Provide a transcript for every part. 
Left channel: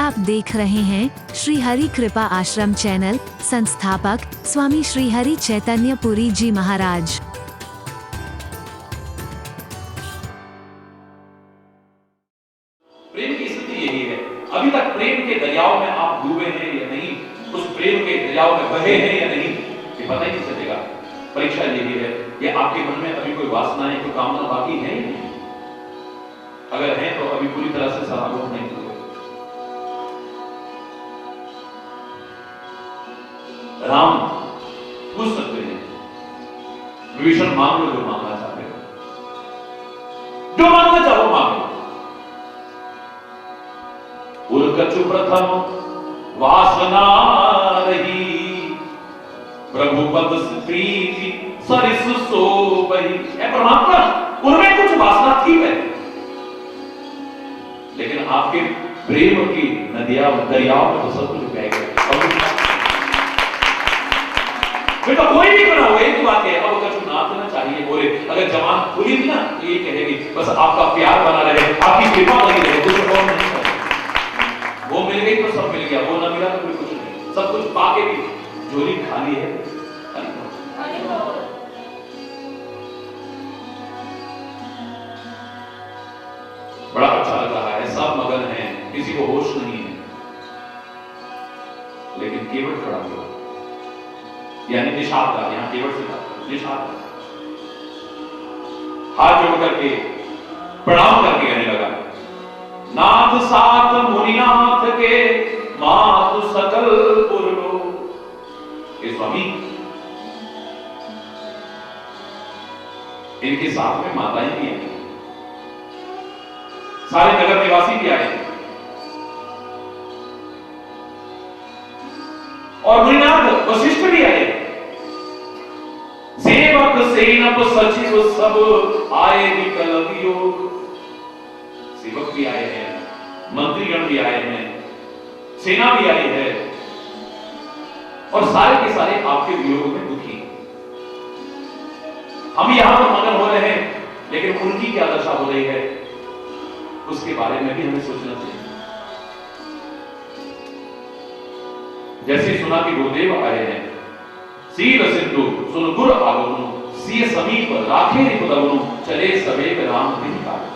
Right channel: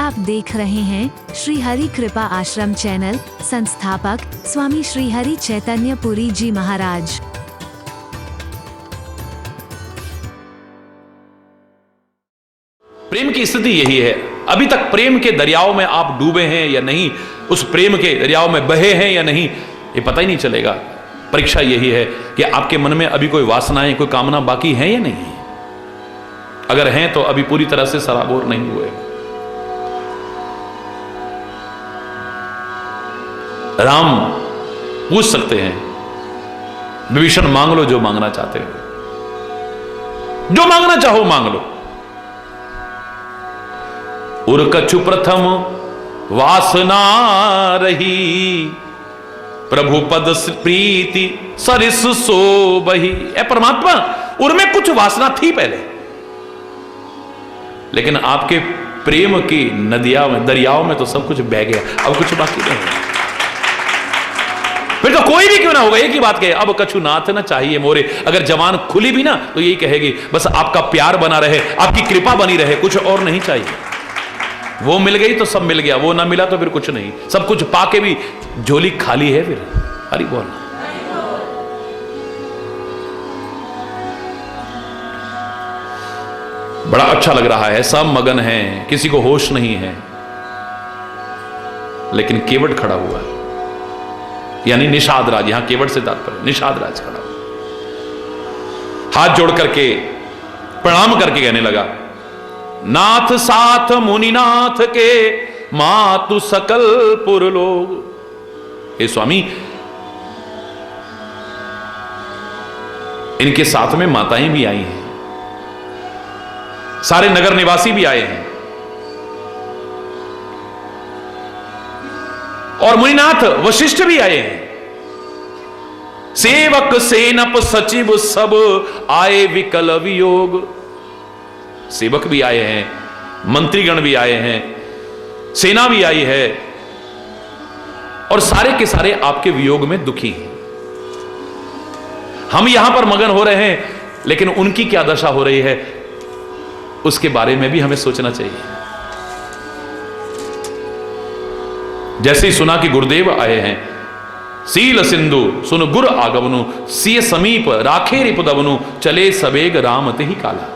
आप देख रहे हैं श्री हरि कृपा आश्रम चैनल। संस्थापक स्वामी श्री हरि चैतन्य पुरी जी महाराज। प्रेम की स्थिति यही है। अभी तक प्रेम के दरियाओं में आप डूबे हैं या नहीं, उस प्रेम के दरियाओं में बहे हैं या नहीं, ये पता ही नहीं चलेगा। परीक्षा यही है कि आपके मन में अभी कोई वासनाएं, कोई कामना बाकी है या नहीं। अगर हैं तो अभी पूरी तरह से सराबोर नहीं हुए। राम पूछ सकते हैं, विभीषण मांग लो जो मांगना चाहते हो, जो मांगना चाहो मांग लो। उर कछु प्रथम वासना रही, प्रभु पद प्रीति सरिस सो बही। ए परमात्मा, उनमें कुछ वासना थी पहले, लेकिन आपके प्रेम की नदियां में, दरियाओं में तो सब कुछ बह गया, अब कुछ बाकी नहीं। फिर तो कोई भी क्यों ना होगा, एक ही बात कहे, अब कछु नाथ न चाहिए मोरे। अगर जवान खुली भी ना तो यही कहेगी, बस आपका प्यार बना रहे, आपकी कृपा बनी रहे, कुछ और नहीं चाहिए। वो मिल गई तो सब मिल गया, वो ना मिला तो फिर कुछ नहीं। सब कुछ पाके भी झोली खाली है फिर। हरि बोल। बड़ा अच्छा लग रहा है, सब मगन हैं, किसी को होश नहीं है, लेकिन केवट खड़ा हुआ है, यानी निषाद राज। यहां केवट से तात्पर्य निषाद राज खड़ा हुआ, हाथ जोड़ करके प्रणाम करके कहने लगा, नाथ साथ मुनिनाथ के मातु सकल पुरलोक। हे स्वामी, इनके साथ में माताएं भी आई हैं, सारे नगर निवासी भी आए हैं, और मुनिनाथ वशिष्ठ भी आए हैं, सेवक सेनप सचिव सब आए विकल वियोग। सेवक भी आए हैं, मंत्रीगण भी आए हैं, सेना भी आई है, और सारे के सारे आपके वियोग में दुखी हैं। हम यहां पर मगन हो रहे हैं, लेकिन उनकी क्या दशा हो रही है उसके बारे में भी हमें सोचना चाहिए। जैसे ही सुना कि गुरुदेव आए हैं, सील सिंधु सुन गुर आगमनु, सिय समीप राखे रिपुदवनु, चले सवेग राम ते ही काला।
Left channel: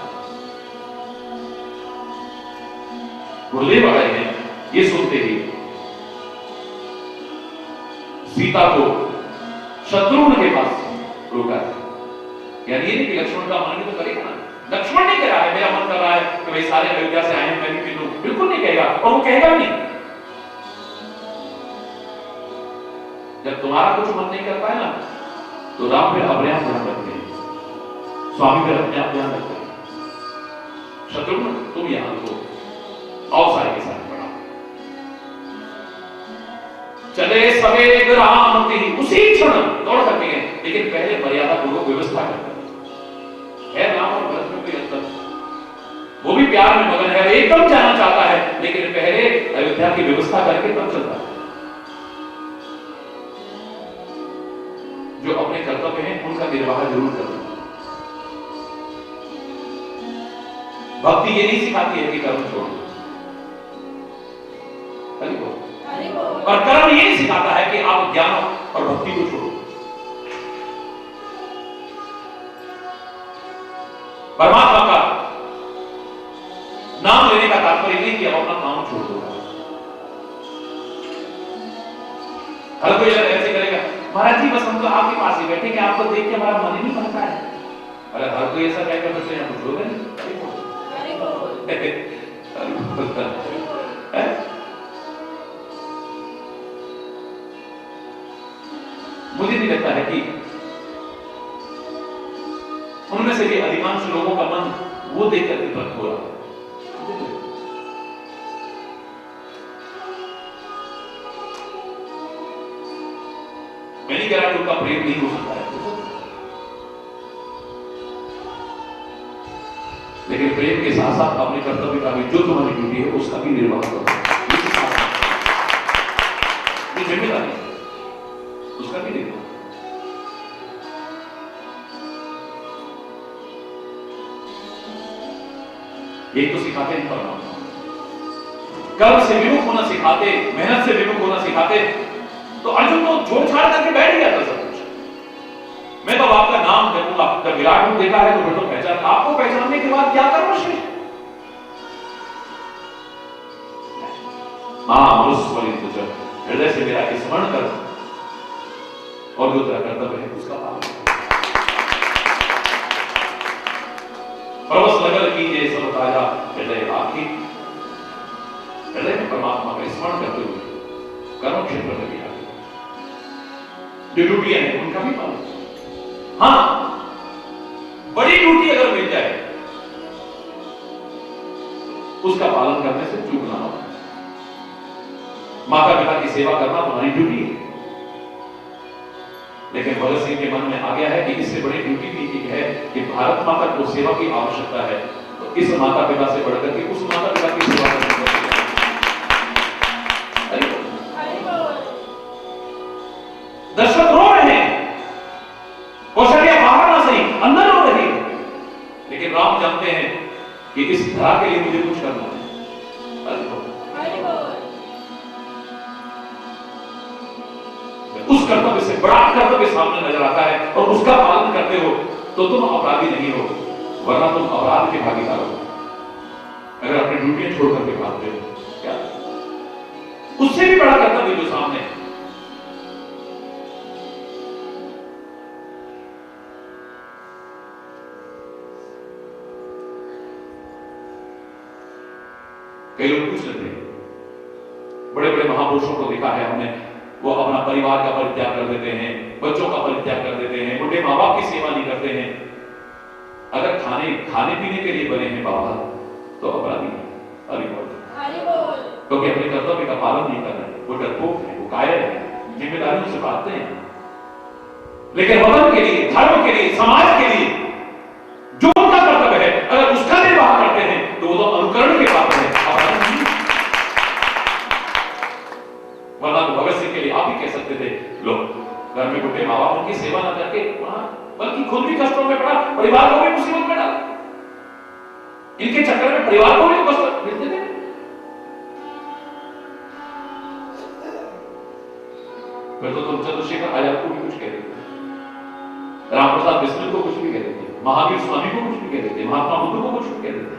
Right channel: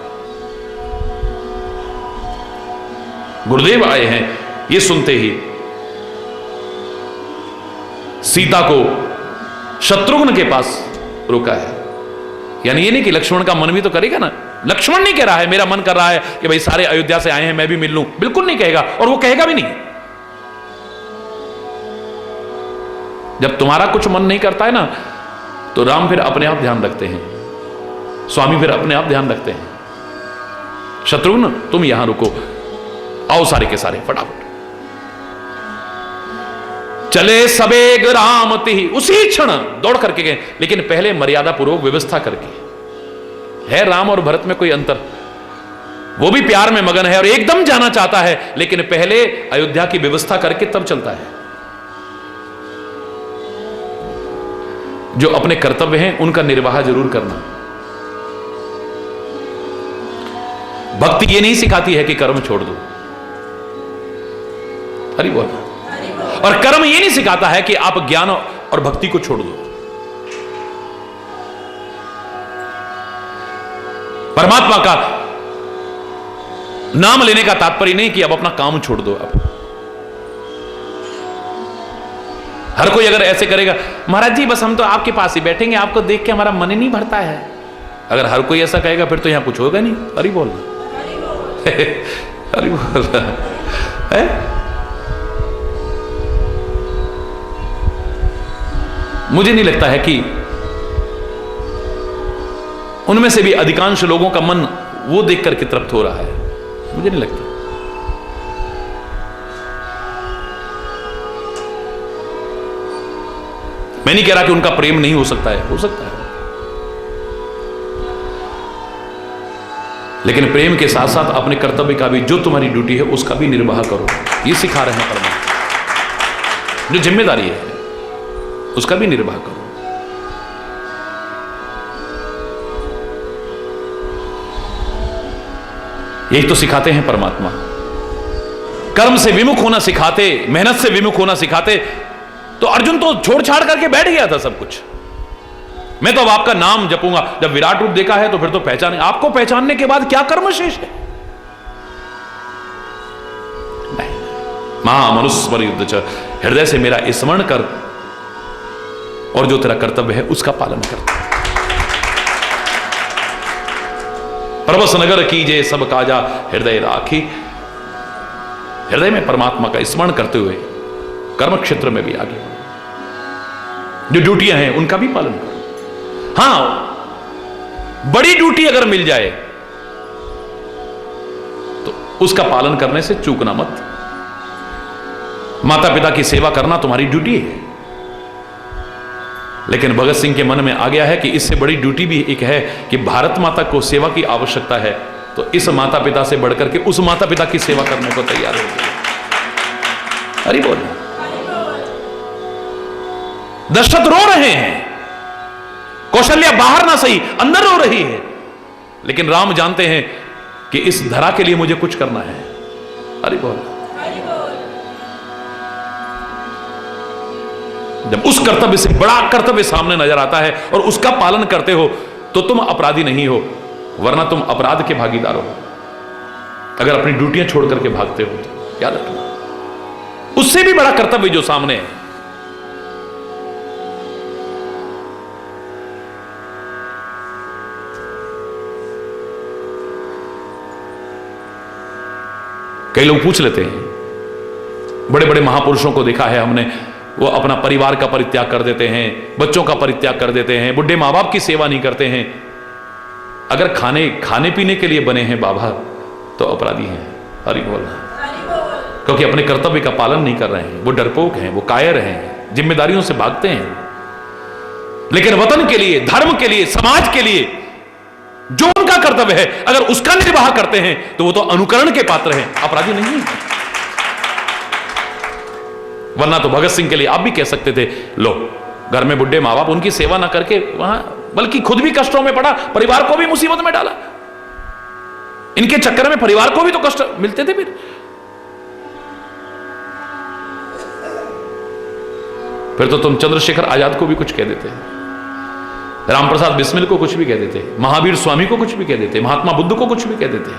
गुरुदेव आए हैं, ये सुनते ही सीता को शत्रुघ्न के पास रोका है। यानी ये नहीं कि लक्ष्मण का मन भी तो करेगा ना। लक्ष्मण नहीं कह रहा है मेरा मन कर रहा है कि भाई सारे अयोध्या से आए हैं मैं भी मिल लूं, बिल्कुल नहीं कहेगा, और वो कहेगा भी नहीं। जब तुम्हारा कुछ मन नहीं करता है ना, तो राम फिर अपने आप ध्यान रखते हैं, स्वामी फिर अपने आप ध्यान रखते हैं। शत्रुघ्न तुम यहां रुको, आओ सारे के सारे फटाफट। चले सवेग राम ते ही, उसी क्षण दौड़ करके गए, लेकिन पहले मर्यादा पूर्वक व्यवस्था करके। है राम और भरत में कोई अंतर? वो भी प्यार में मगन है और एकदम जाना चाहता है, लेकिन पहले अयोध्या की व्यवस्था करके तब चलता है। जो अपने कर्तव्य हैं उनका निर्वाह जरूर करना। भक्ति ये नहीं सिखाती है कि कर्म छोड़ दो, हरि बोल। और कर्म ये नहीं सिखाता है कि आप ज्ञान और भक्ति को छोड़ दो। परमात्मा का नाम लेने का तात्पर्य नहीं कि अब अपना काम छोड़ दो। अब हर कोई अगर ऐसे करेगा, महाराज जी बस हम तो आपके पास ही बैठेंगे, आपको देख के हमारा मन ही नहीं भरता है, अगर हर कोई ऐसा कहेगा फिर तो यहां कुछ होगा नहीं। हरि बोल। हरि बोल है? मुझे नहीं लगता है कि उनमें से भी अधिकांश लोगों का मन वो देख करके तृप्त हो रहा है, मुझे नहीं लगता। मैं नहीं कह रहा कि उनका प्रेम नहीं हो सकता है, हो सकता है, लेकिन प्रेम के साथ साथ अपने कर्तव्य का भी, जो तुम्हारी ड्यूटी है उसका भी निर्वाह करो, ये सिखा रहे हैं परमात्मा। जो जिम्मेदारी है उसका भी निर्वाह करो। यही तो सिखाते हैं परमात्मा। कर्म से विमुख होना सिखाते, मेहनत से विमुख होना सिखाते, तो अर्जुन तो छोड़ छाड़ करके बैठ गया था सब कुछ। मैं तो अब आपका नाम जपूंगा। जब विराट रूप देखा है तो फिर तो पहचाने, आपको पहचानने के बाद क्या कर्म शेष है? नहीं। महामनुस्मर युद्ध च, हृदय से मेरा स्मरण कर और जो तेरा कर्तव्य है उसका पालन कर। प्रवस नगर कीजे सब काजा हृदय राखी। हृदय में परमात्मा का स्मरण करते हुए कर्म क्षेत्र में भी आगे, जो ड्यूटियां हैं उनका भी पालन करो। हां, बड़ी ड्यूटी अगर मिल जाए तो उसका पालन करने से चूकना मत। माता पिता की सेवा करना तुम्हारी ड्यूटी है, लेकिन भगत सिंह के मन में आ गया है कि इससे बड़ी ड्यूटी भी एक है कि भारत माता को सेवा की आवश्यकता है, तो इस माता पिता से बढ़कर के उस माता पिता की सेवा करने को तैयार है। हरि बोल। दशरथ रो रहे हैं, कौशल्या बाहर ना सही अंदर रो रही है, लेकिन राम जानते हैं कि इस धरा के लिए मुझे कुछ करना है। हरि बोल। जब उस कर्तव्य से बड़ा कर्तव्य सामने नजर आता है और उसका पालन करते हो तो तुम अपराधी नहीं हो, वरना तुम अपराध के भागीदार हो अगर अपनी ड्यूटियां छोड़ करके भागते हो तो। याद रखना, उससे भी बड़ा कर्तव्य जो सामने है। कई लोग पूछ लेते हैं, बड़े बड़े महापुरुषों को देखा है हमने, वो अपना परिवार का परित्याग कर देते हैं, बच्चों का परित्याग कर देते हैं, बुढ़े माँ बाप की सेवा नहीं करते हैं। अगर खाने पीने के लिए बने हैं बाबा तो अपराधी हैं। हरि बोल। क्योंकि अपने कर्तव्य का पालन नहीं कर रहे हैं, वो डरपोक हैं, वो कायर हैं, जिम्मेदारियों से भागते हैं। लेकिन वतन के लिए, धर्म के लिए, समाज के लिए जो उनका कर्तव्य है अगर उसका निर्वाह करते हैं तो वो तो अनुकरण के पात्र हैं, अपराधी नहीं है। वरना तो भगत सिंह के लिए आप भी कह सकते थे, लो घर में बुढ़े माँ बाप, उनकी सेवा ना करके वहां बल्कि खुद भी कष्टों में पड़ा, परिवार को भी मुसीबत में डाला। इनके चक्कर में परिवार को भी तो कष्ट मिलते थे। फिर तो तुम चंद्रशेखर आजाद को भी कुछ कह देते, रामप्रसाद बिस्मिल को कुछ भी कह देते, महावीर स्वामी को कुछ भी कह देते, महात्मा बुद्ध को कुछ भी कह देते,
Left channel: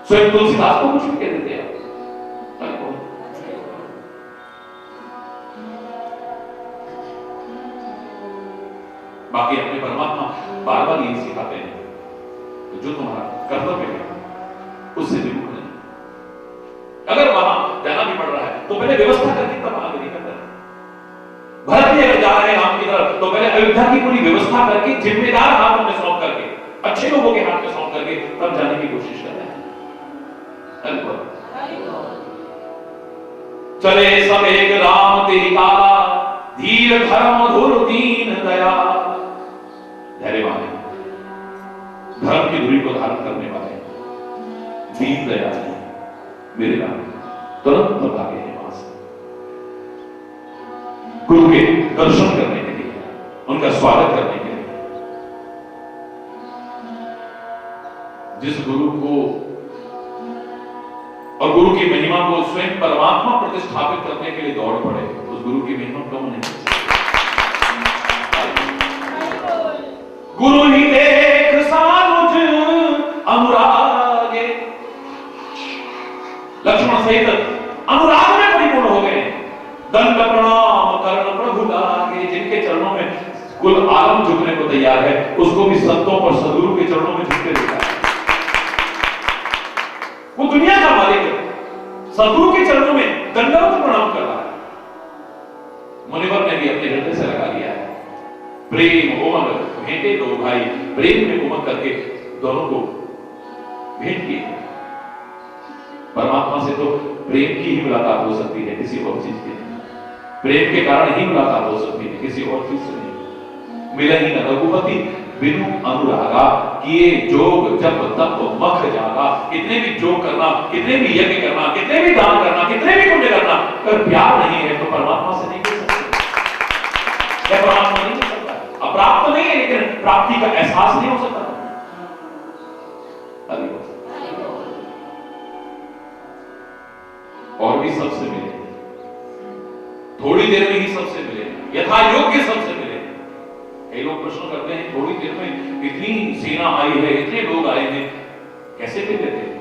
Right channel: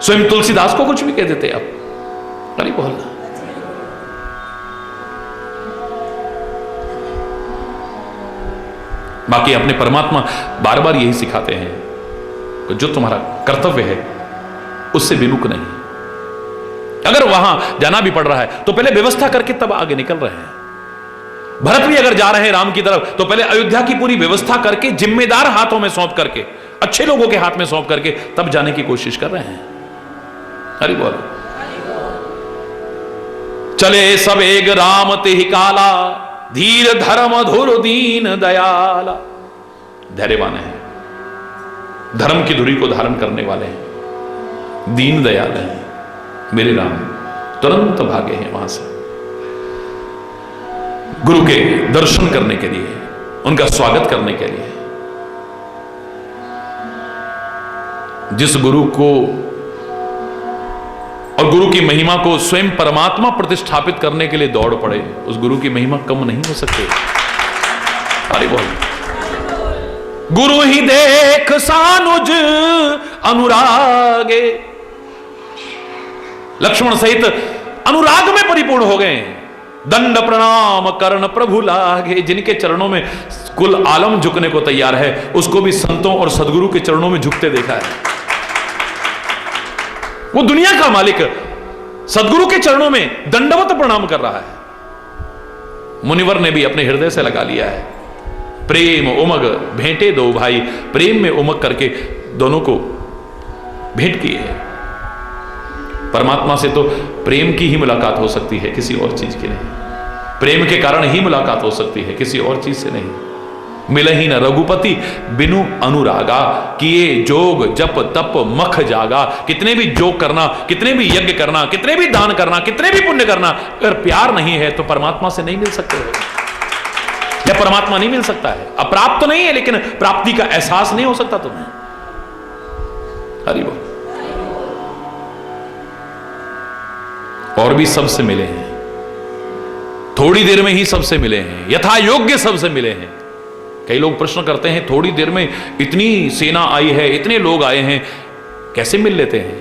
स्वयं तुलसीदास को कुछ भी कह देते। अब अरे बोल। बाकी अपने परमात्मा बार बार यही सिखाते हैं कि जो तुम्हारा कर्तव्य है उससे विमुख नहीं। अगर वहां जाना भी पड़ रहा है तो पहले व्यवस्था करके तब आगे निकल रहे हैं। भरत भी अगर जा रहे हैं राम की तरफ तो पहले अयोध्या की पूरी व्यवस्था करके, जिम्मेदार हाथों में सौंप करके, अच्छे लोगों के हाथ में सौंप करके तब जाने की कोशिश कर रहे हैं। हरि बोल। चले सब एक राम तिहि काला, धीर धर्म धुर दीन दयाला। धैर्यवान है, धर्म की धुरी को धारण करने वाले हैं, दीन दयाल हैं। मेरे राम तुरंत भागे हैं वहां से गुरु के दर्शन करने के लिए, उनका स्वागत करने के लिए। जिस गुरु को और गुरु की महिमा को स्वयं परमात्मा प्रतिष्ठापित करने के लिए दौड़ पड़े, उस गुरु की महिमा कम नहीं हो सकती। अरे बोल। गुरु ही देख सानुज अनुरागे, लक्ष्मण सहित अनुराग में परिपूर्ण हो गए। दंड प्रणाम करण प्रभु लागे। जिनके चरणों में कुल आलम झुकने को तैयार है, उसको भी संतों और सदगुरु के चरणों में झुकते देखा है। वो दुनिया का मालिक सदगुरु के चरणों में दंडवत प्रणाम कर रहा है। मुनिवर ने भी अपने हृदय से लगा लिया है। प्रेम उमग भेंटे दो भाई, प्रेम में उमग करके दोनों को भेंट किए है। परमात्मा से तो प्रेम की ही मुलाकात हो सकती है, किसी और चीज की नहीं। प्रेम के कारण ही मुलाकात हो सकती है, किसी और चीज से नहीं। मिले ही न रघुपति बिनु अनुरागा, किए जोग जप तप मख जागा। कितने भी जोग करना, कितने भी यज्ञ करना, कितने भी दान करना, कितने भी पुण्य करना, अगर प्यार नहीं है तो परमात्मा से नहीं मिल सकते। क्या परमात्मा नहीं मिल सकता है? अप्राप्त तो नहीं है, लेकिन प्राप्ति का एहसास नहीं हो सकता तुम्हें। हरि बोल। और भी सबसे मिले हैं, थोड़ी देर में ही सबसे मिले हैं, यथा योग्य सबसे मिले हैं। कई लोग प्रश्न करते हैं थोड़ी देर में इतनी सेना आई है, इतने लोग आए हैं, कैसे मिल लेते हैं?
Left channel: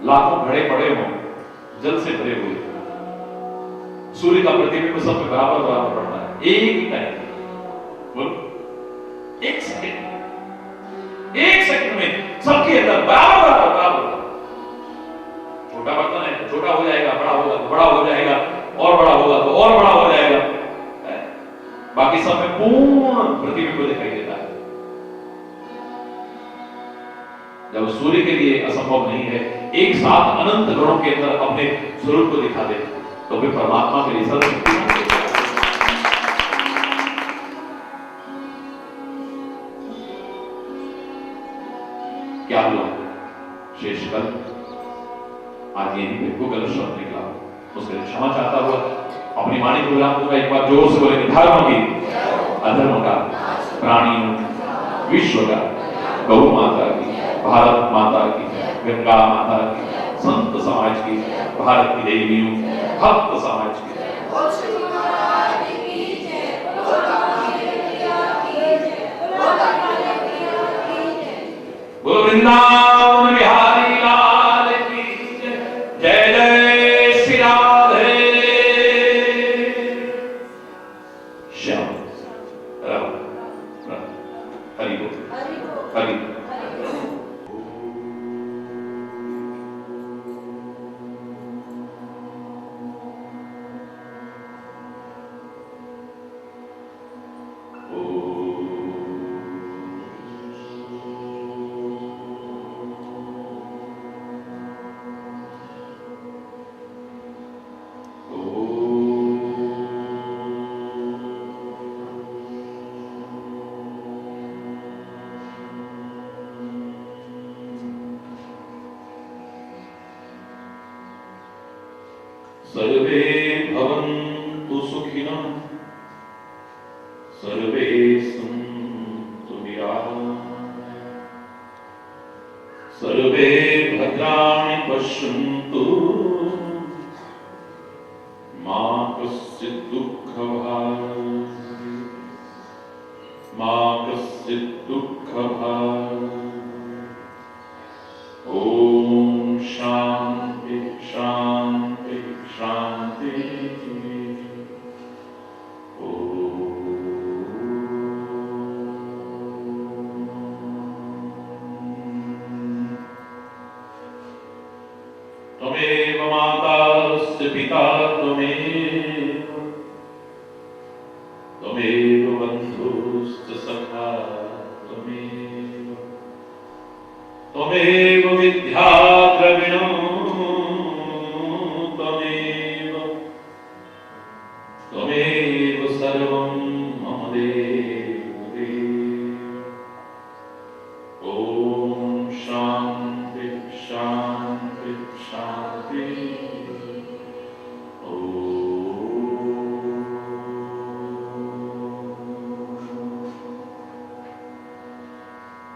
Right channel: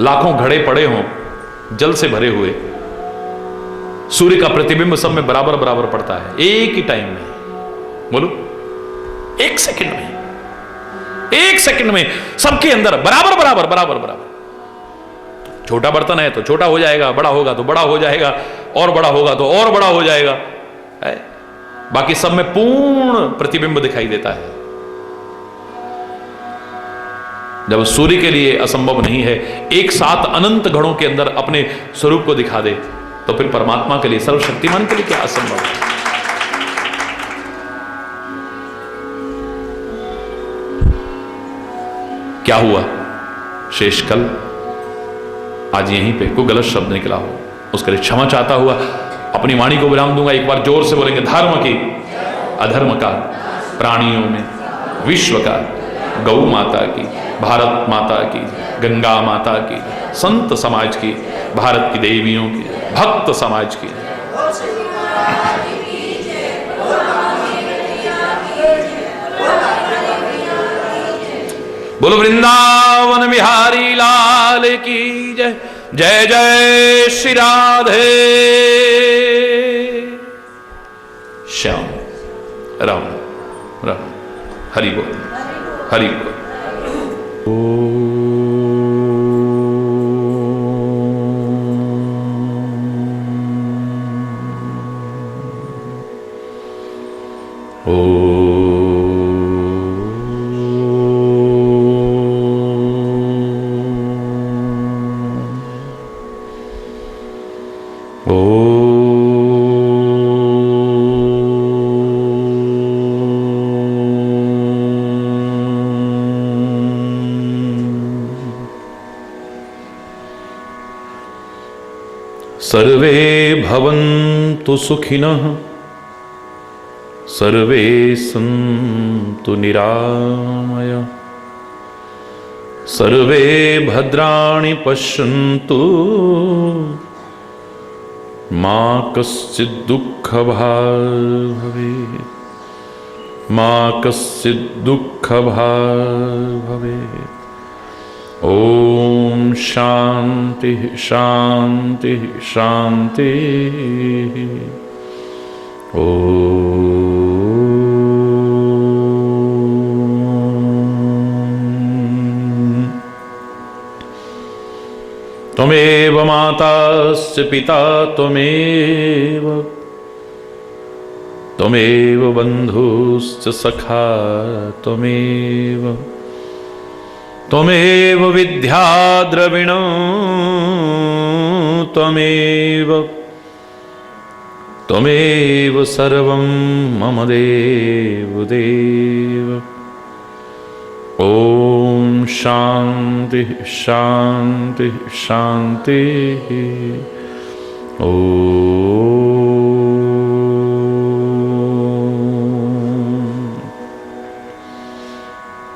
लाखों घड़े पड़े हों जल से भरे हुए, सूर्य का प्रतिबिंब सब में बराबर बराबर पड़ता है, एक ही टाइम में, बोलो एक सेकंड में, एक सेकंड में सबके अंदर बराबर बराबर बराबर बराबर। छोटा बर्तन है तो छोटा हो जाएगा, बड़ा होगा तो बड़ा हो जाएगा, और बड़ा होगा तो और बड़ा हो जाएगा, है? बाकी सब में पूर्ण प्रतिबिंब दिखाई देता है। जब सूर्य के लिए असंभव नहीं है एक साथ अनंत गणों के अंदर अपने स्वरूप को दिखा दे, तो फिर परमात्मा के लिए, सर्वशक्तिमान के लिए क्या असंभव है? क्या हुआ? शेषकल आज यहीं पे कोई गलत शब्द निकला हो उसके लिए क्षमा चाहता हुआ अपनी वाणी को विराम दूंगा। एक बार जोर से बोलेंगे, धर्म की, अधर्म का, प्राणियों में, विश्व का, गौ माता की, भारत माता की, गंगा माता की, संत समाज की, भारत की देवियों की, भक्त समाज की। बोलो वृंदावन बिहारी लाल की जय। जय जय श्री राधे श्याम राम राम। हरि बोल, हरि बोल। सर्वे भवन्तु सुखिनः, सर्वे सन्तु निरामयाः, सर्वे भद्राणि पश्यन्तु, मा कश्चित् दुःखभाग् भवेत्, मा कश्चित् दुःखभाग् भवेत्। ओम शांति शांति शांति। ओम त्वमेव माताश्च पिता त्वमेव, त्वमेव बन्धुश्च सखा त्वमेव, त्वमेव विद्या द्रविणो त्वमेव, त्वमेव सर्वं मम देव देव। ओम शांति शांति शांति। ओम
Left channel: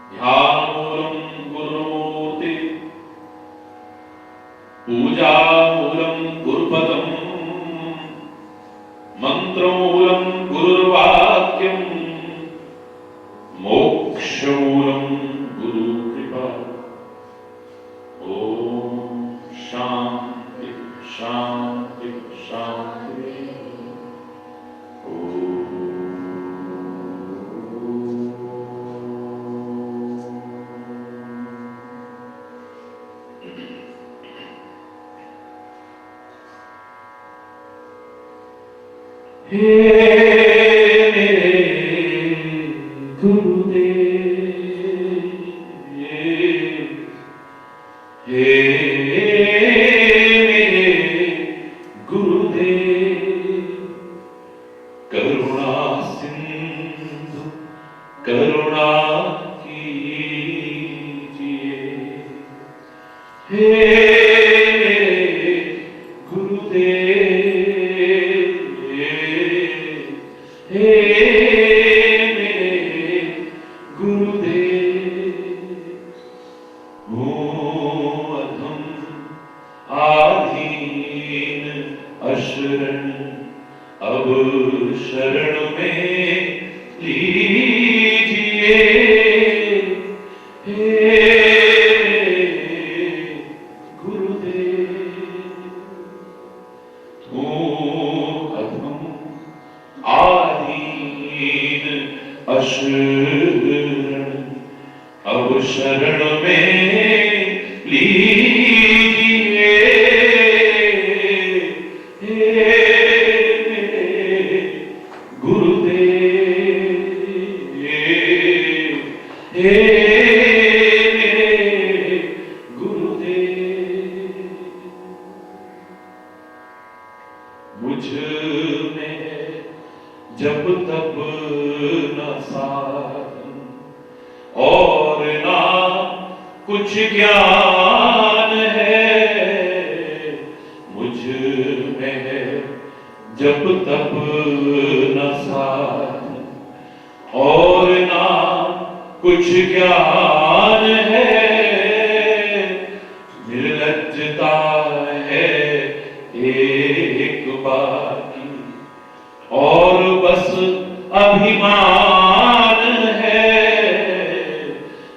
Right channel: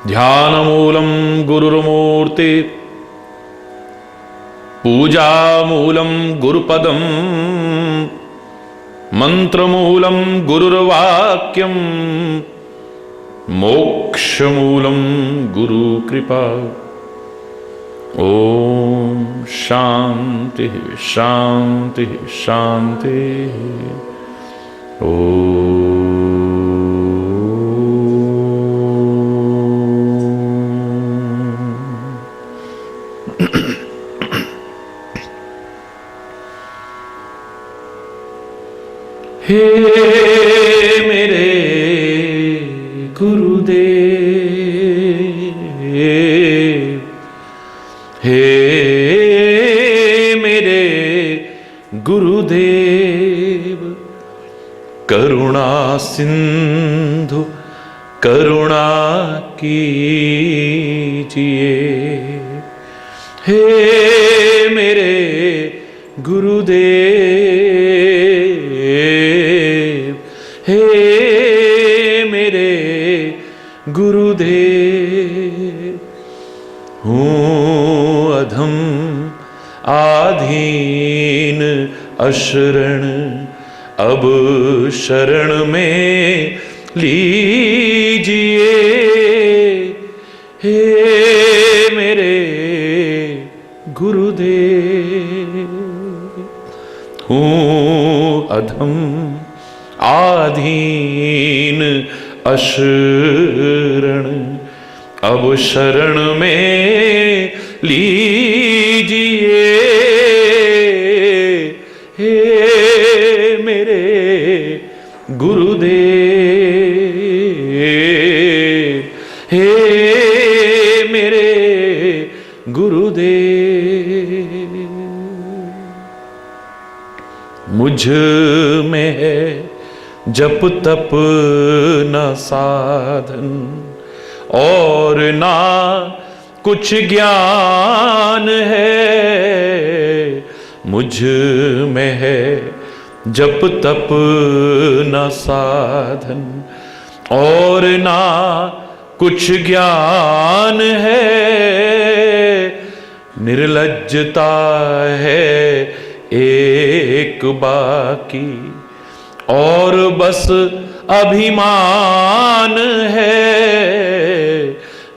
ध्यानमूलं गुरुर्मूर्ति, पूजामूलं गुरुपदं, मंत्रमूलं गुरुर्वाक्यं, मोक्षमूलं गुरुकृपा। ओम शांति शांति शांति। ओम हे मेरे गुरुदेव, हे मेरे गुरुदेव, करुणा सिंधु करुणा कीजिए। हे मेरे गुरुदेव, हे मेरे गुरुदेव, हूँ अधम अशरण अब शरण में लीजिए। हे मेरे गुरुदेव, हूँ अधम आधीन अशरण अब शरण में लीजिए। हे मेरे गुरुदेव, हे मेरे गुरुदेव, मुझ में है जप तप न साधन और ना कुछ ज्ञान है। मुझ में है जप तप न साधन और ना कुछ ज्ञान है। निर्लज्जता है एक बाकी और बस अभिमान है।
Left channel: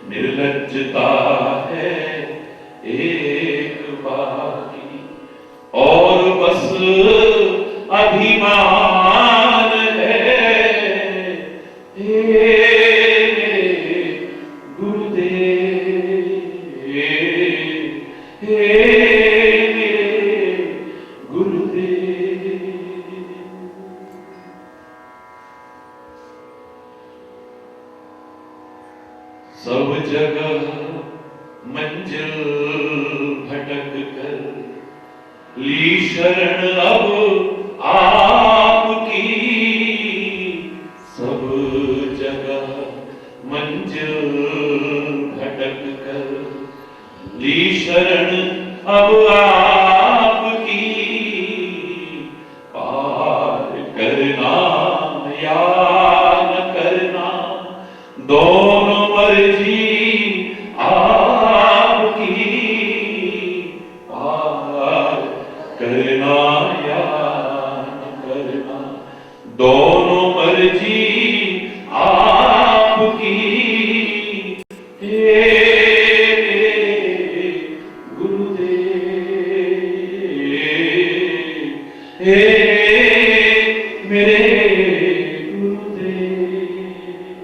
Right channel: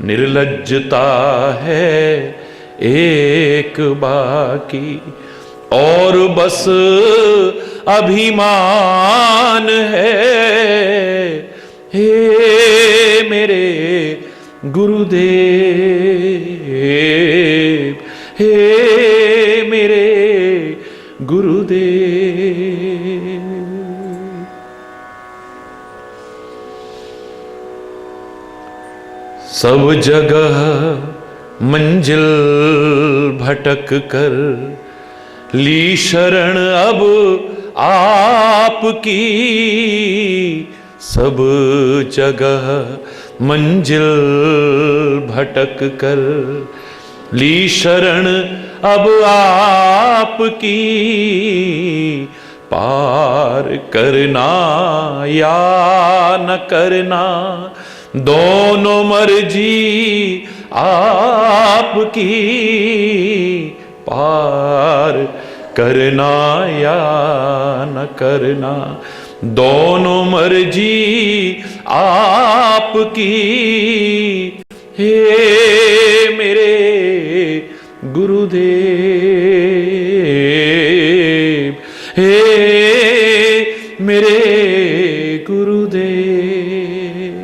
निर्लज्जता है एक बाकी और बस अभिमान है। हे मेरे गुरुदेव, हे मेरे गुरुदेव, सब जगह मंजिल भटक कर ली शरण अब आपकी। सब जगह मंजिल भटक कर ली शरण अब आपकी। पार करना या न करना दोनों मर्जी आपकी। पार करना या न करना दोनों मर्जी आपकी। हे मेरे गुरुदेव, हे मेरे गुरुदेव,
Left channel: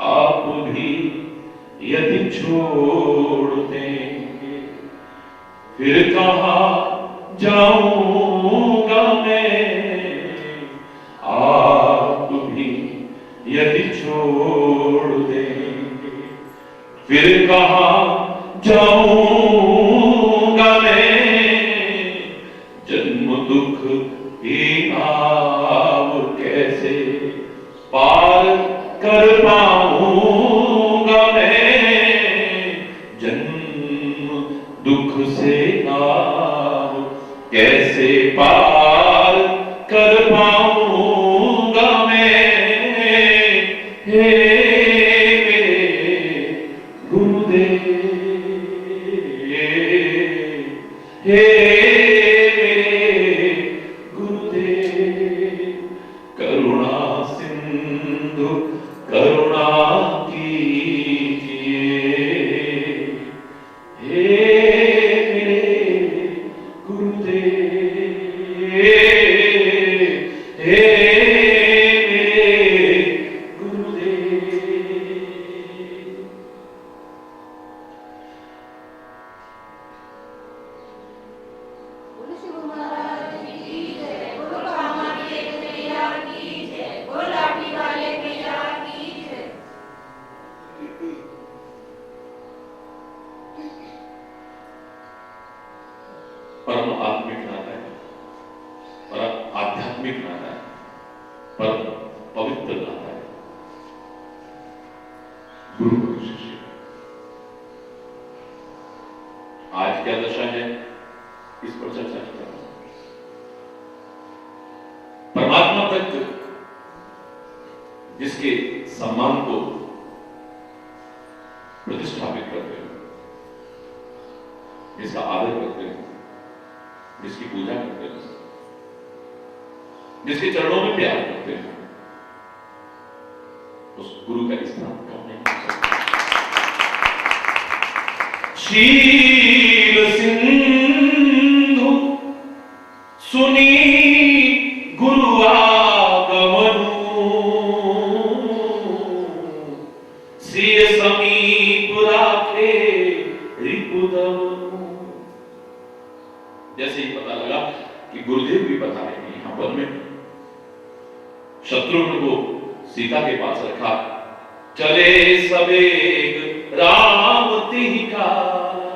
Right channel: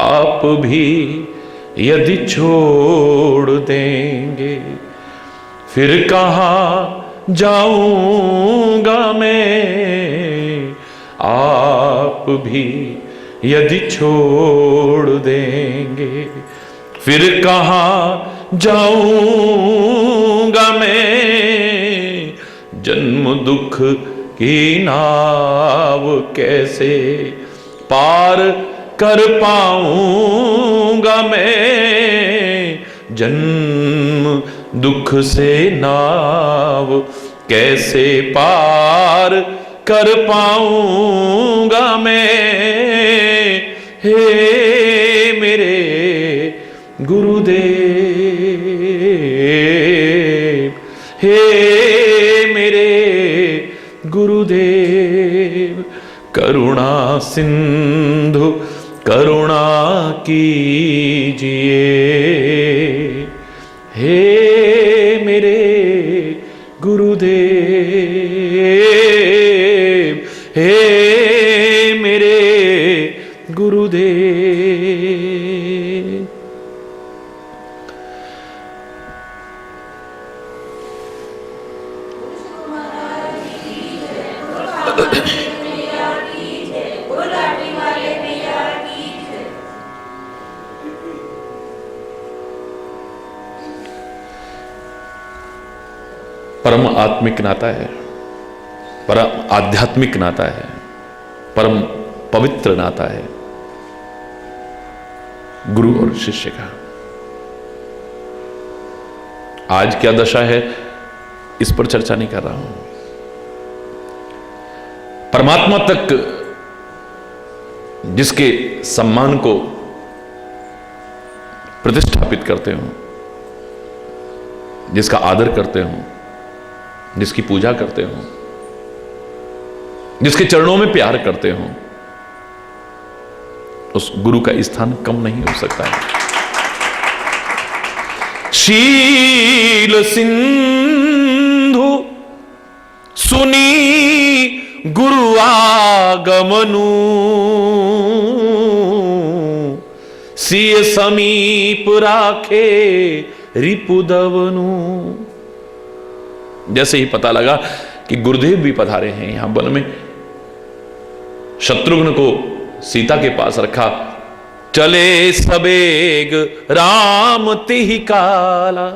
आप भी यदि छोड़ देंगे फिर कहाँ जाऊंगा मैं। आप भी यदि छोड़ देंगे फिर कहाँ जाऊंगा मैं। जन्म दुख की नाव कैसे पार कर पाऊंगा मैं। जन्म दुख से नाव कैसे पार कर पाऊंगा मैं। हे मेरे गुरुदेव, हे मेरे गुरुदेव, करुणा सिंधु करुणा कीजिए। हे मेरे गुरुदेव, हे मेरे गुरुदेव। परम आत्मिक नाता है, परम आध्यात्मिक नाता है, परम पवित्र नाता है गुरु और शिष्य का। आज क्या दशा है इस पर चर्चा नहीं कर रहा हूं। परमात्मा तक जिसके सम्मान को प्रतिष्ठापित करते हो, जिसका आदर करते हो, जिसकी पूजा करते हो, जिसके चरणों में प्यार करते हो, उस गुरु का स्थान कम नहीं हो सकता। शील सिंधु सुनी गुरु आगमनु, सिय समीप राखे रिपुदवनु। जैसे ही पता लगा कि गुरुदेव भी पधारे हैं यहां वन में, शत्रुघ्न को सीता के पास रखा। चले सबेग राम तिहि काला,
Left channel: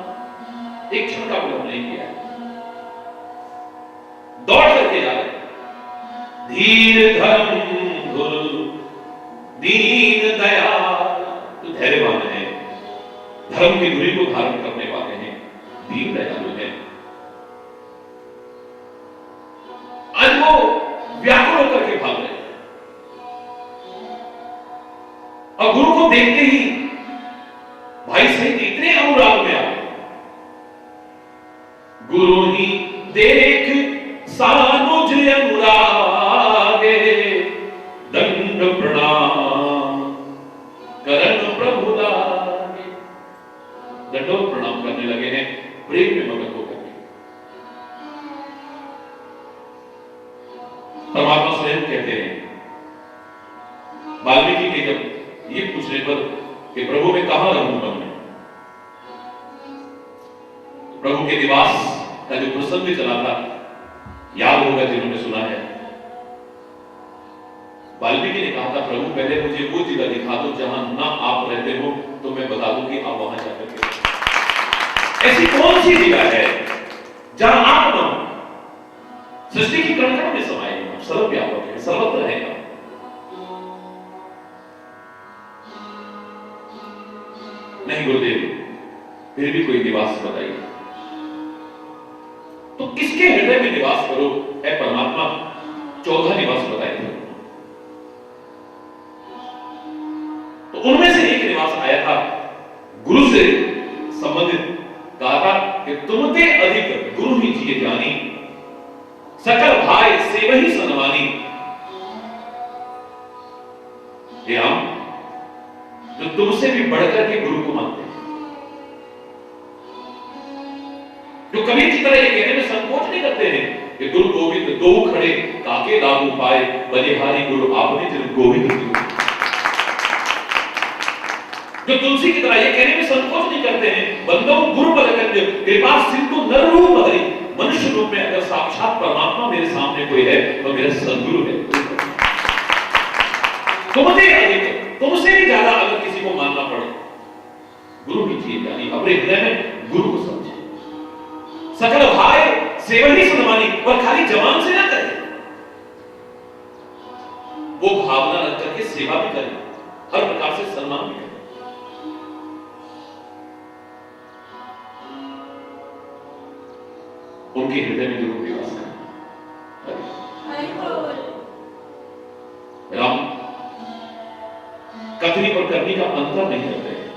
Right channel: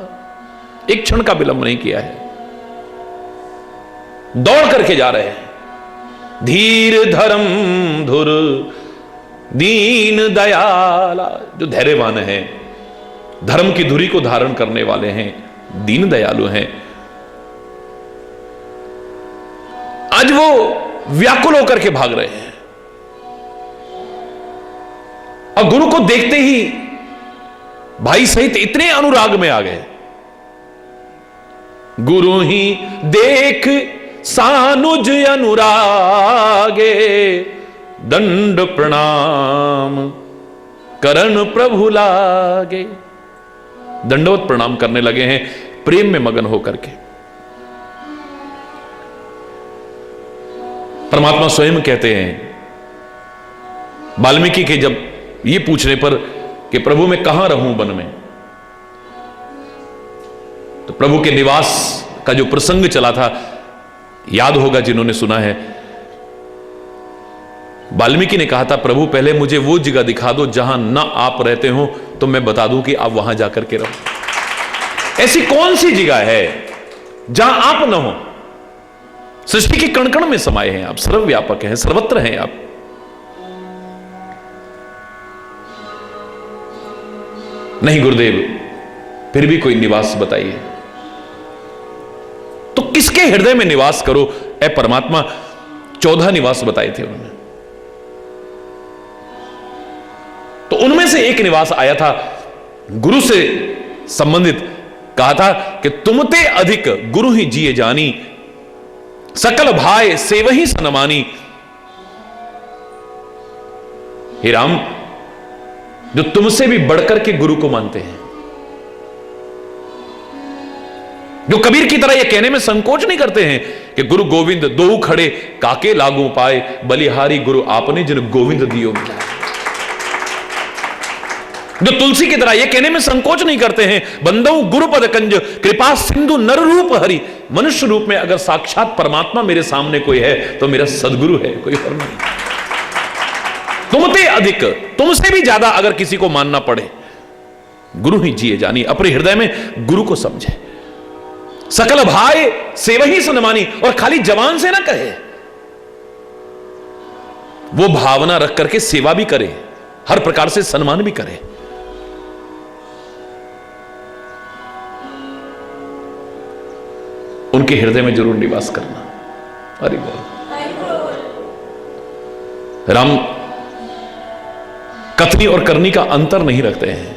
एक क्षण का विलंब नहीं किया है, दौड़ करके जा रहे हैं। धीर धर्म धुर दीन दयाला, जो धैर्यवान हैं, धर्म की धुरी को धारण करने वाले हैं, दीन दयालु हैं, आज वो व्याकुल होकर के भाग रहे हैं। और गुरु को देखते ही भाई सहित इतने अनुराग में आ गए। गुरु ही देख सानुज अनुरागे, दंड प्रणाम करण प्रभु लागे। दंडवत प्रणाम करने लगे हैं, प्रेम में मगन होकर के। परमात्मा स्वयं कहते हैं वाल्मीकि के जब ये पूछने पर कि प्रभु मैं कहां रहूं वन में, तो प्रभु के निवास का जो प्रसंग चला था याद होगा जिन्होंने सुना है। वाल्मीकि ने कहा था प्रभु पहले मुझे वो जगह दिखा दो जहां ना आप रहते हो, तो मैं बता दूं कि आप वहां जाकर के रहो। ऐसी कौन सी जगह है जहां आप ना हो? सृष्टि के कण कण में समाये हैं आप, सर्वव्यापक हैं, सर्वत्र हैं आप। नहीं गुरुदेव, फिर भी कोई निवास बताइए। तो किसके हृदय में निवास करो ए परमात्मा? 14 निवास बताए थे उन्होंने, तो उनमें से एक निवास आया था गुरु से संबंधित। कहा था कि तुमते अधिक गुरु ही जिए जानी, सकल भाई सेवही सनमानी। हे राम, जो तुमसे भी बढ़कर के गुरु को मानते हैं, जो कबीर की तरह यह कहने में संकोच नहीं करते हैं कि गुरु गोविंद दो खड़े काके लागू पाए, बलिहारी गुरु आपने जिन गोविंद दियो। जो तुलसी की तरह यह कहने में संकोच नहीं करते हैं, बंदो गुरुपद कंज कृपा सिंधु नर रूप हरि। मनुष्य रूप में अगर साक्षात परमात्मा मेरे सामने कोई है तो मेरा सदगुरु है, कोई और नहीं। तुमसे अधिक, तुमसे भी ज्यादा अगर किसी को मानना पड़े, गुरु ही जिए जानी। अपने हृदय में गुरु को समझे, सकल भाई सेवही सनमानी। और खाली जवान से ना कहे, वो भावना रख करके सेवा भी करे, हर प्रकार से सम्मान भी करे। उनके हृदय में जरूर निवास करना। अरे राम कथनी और करनी का अंतर नहीं रखते हैं।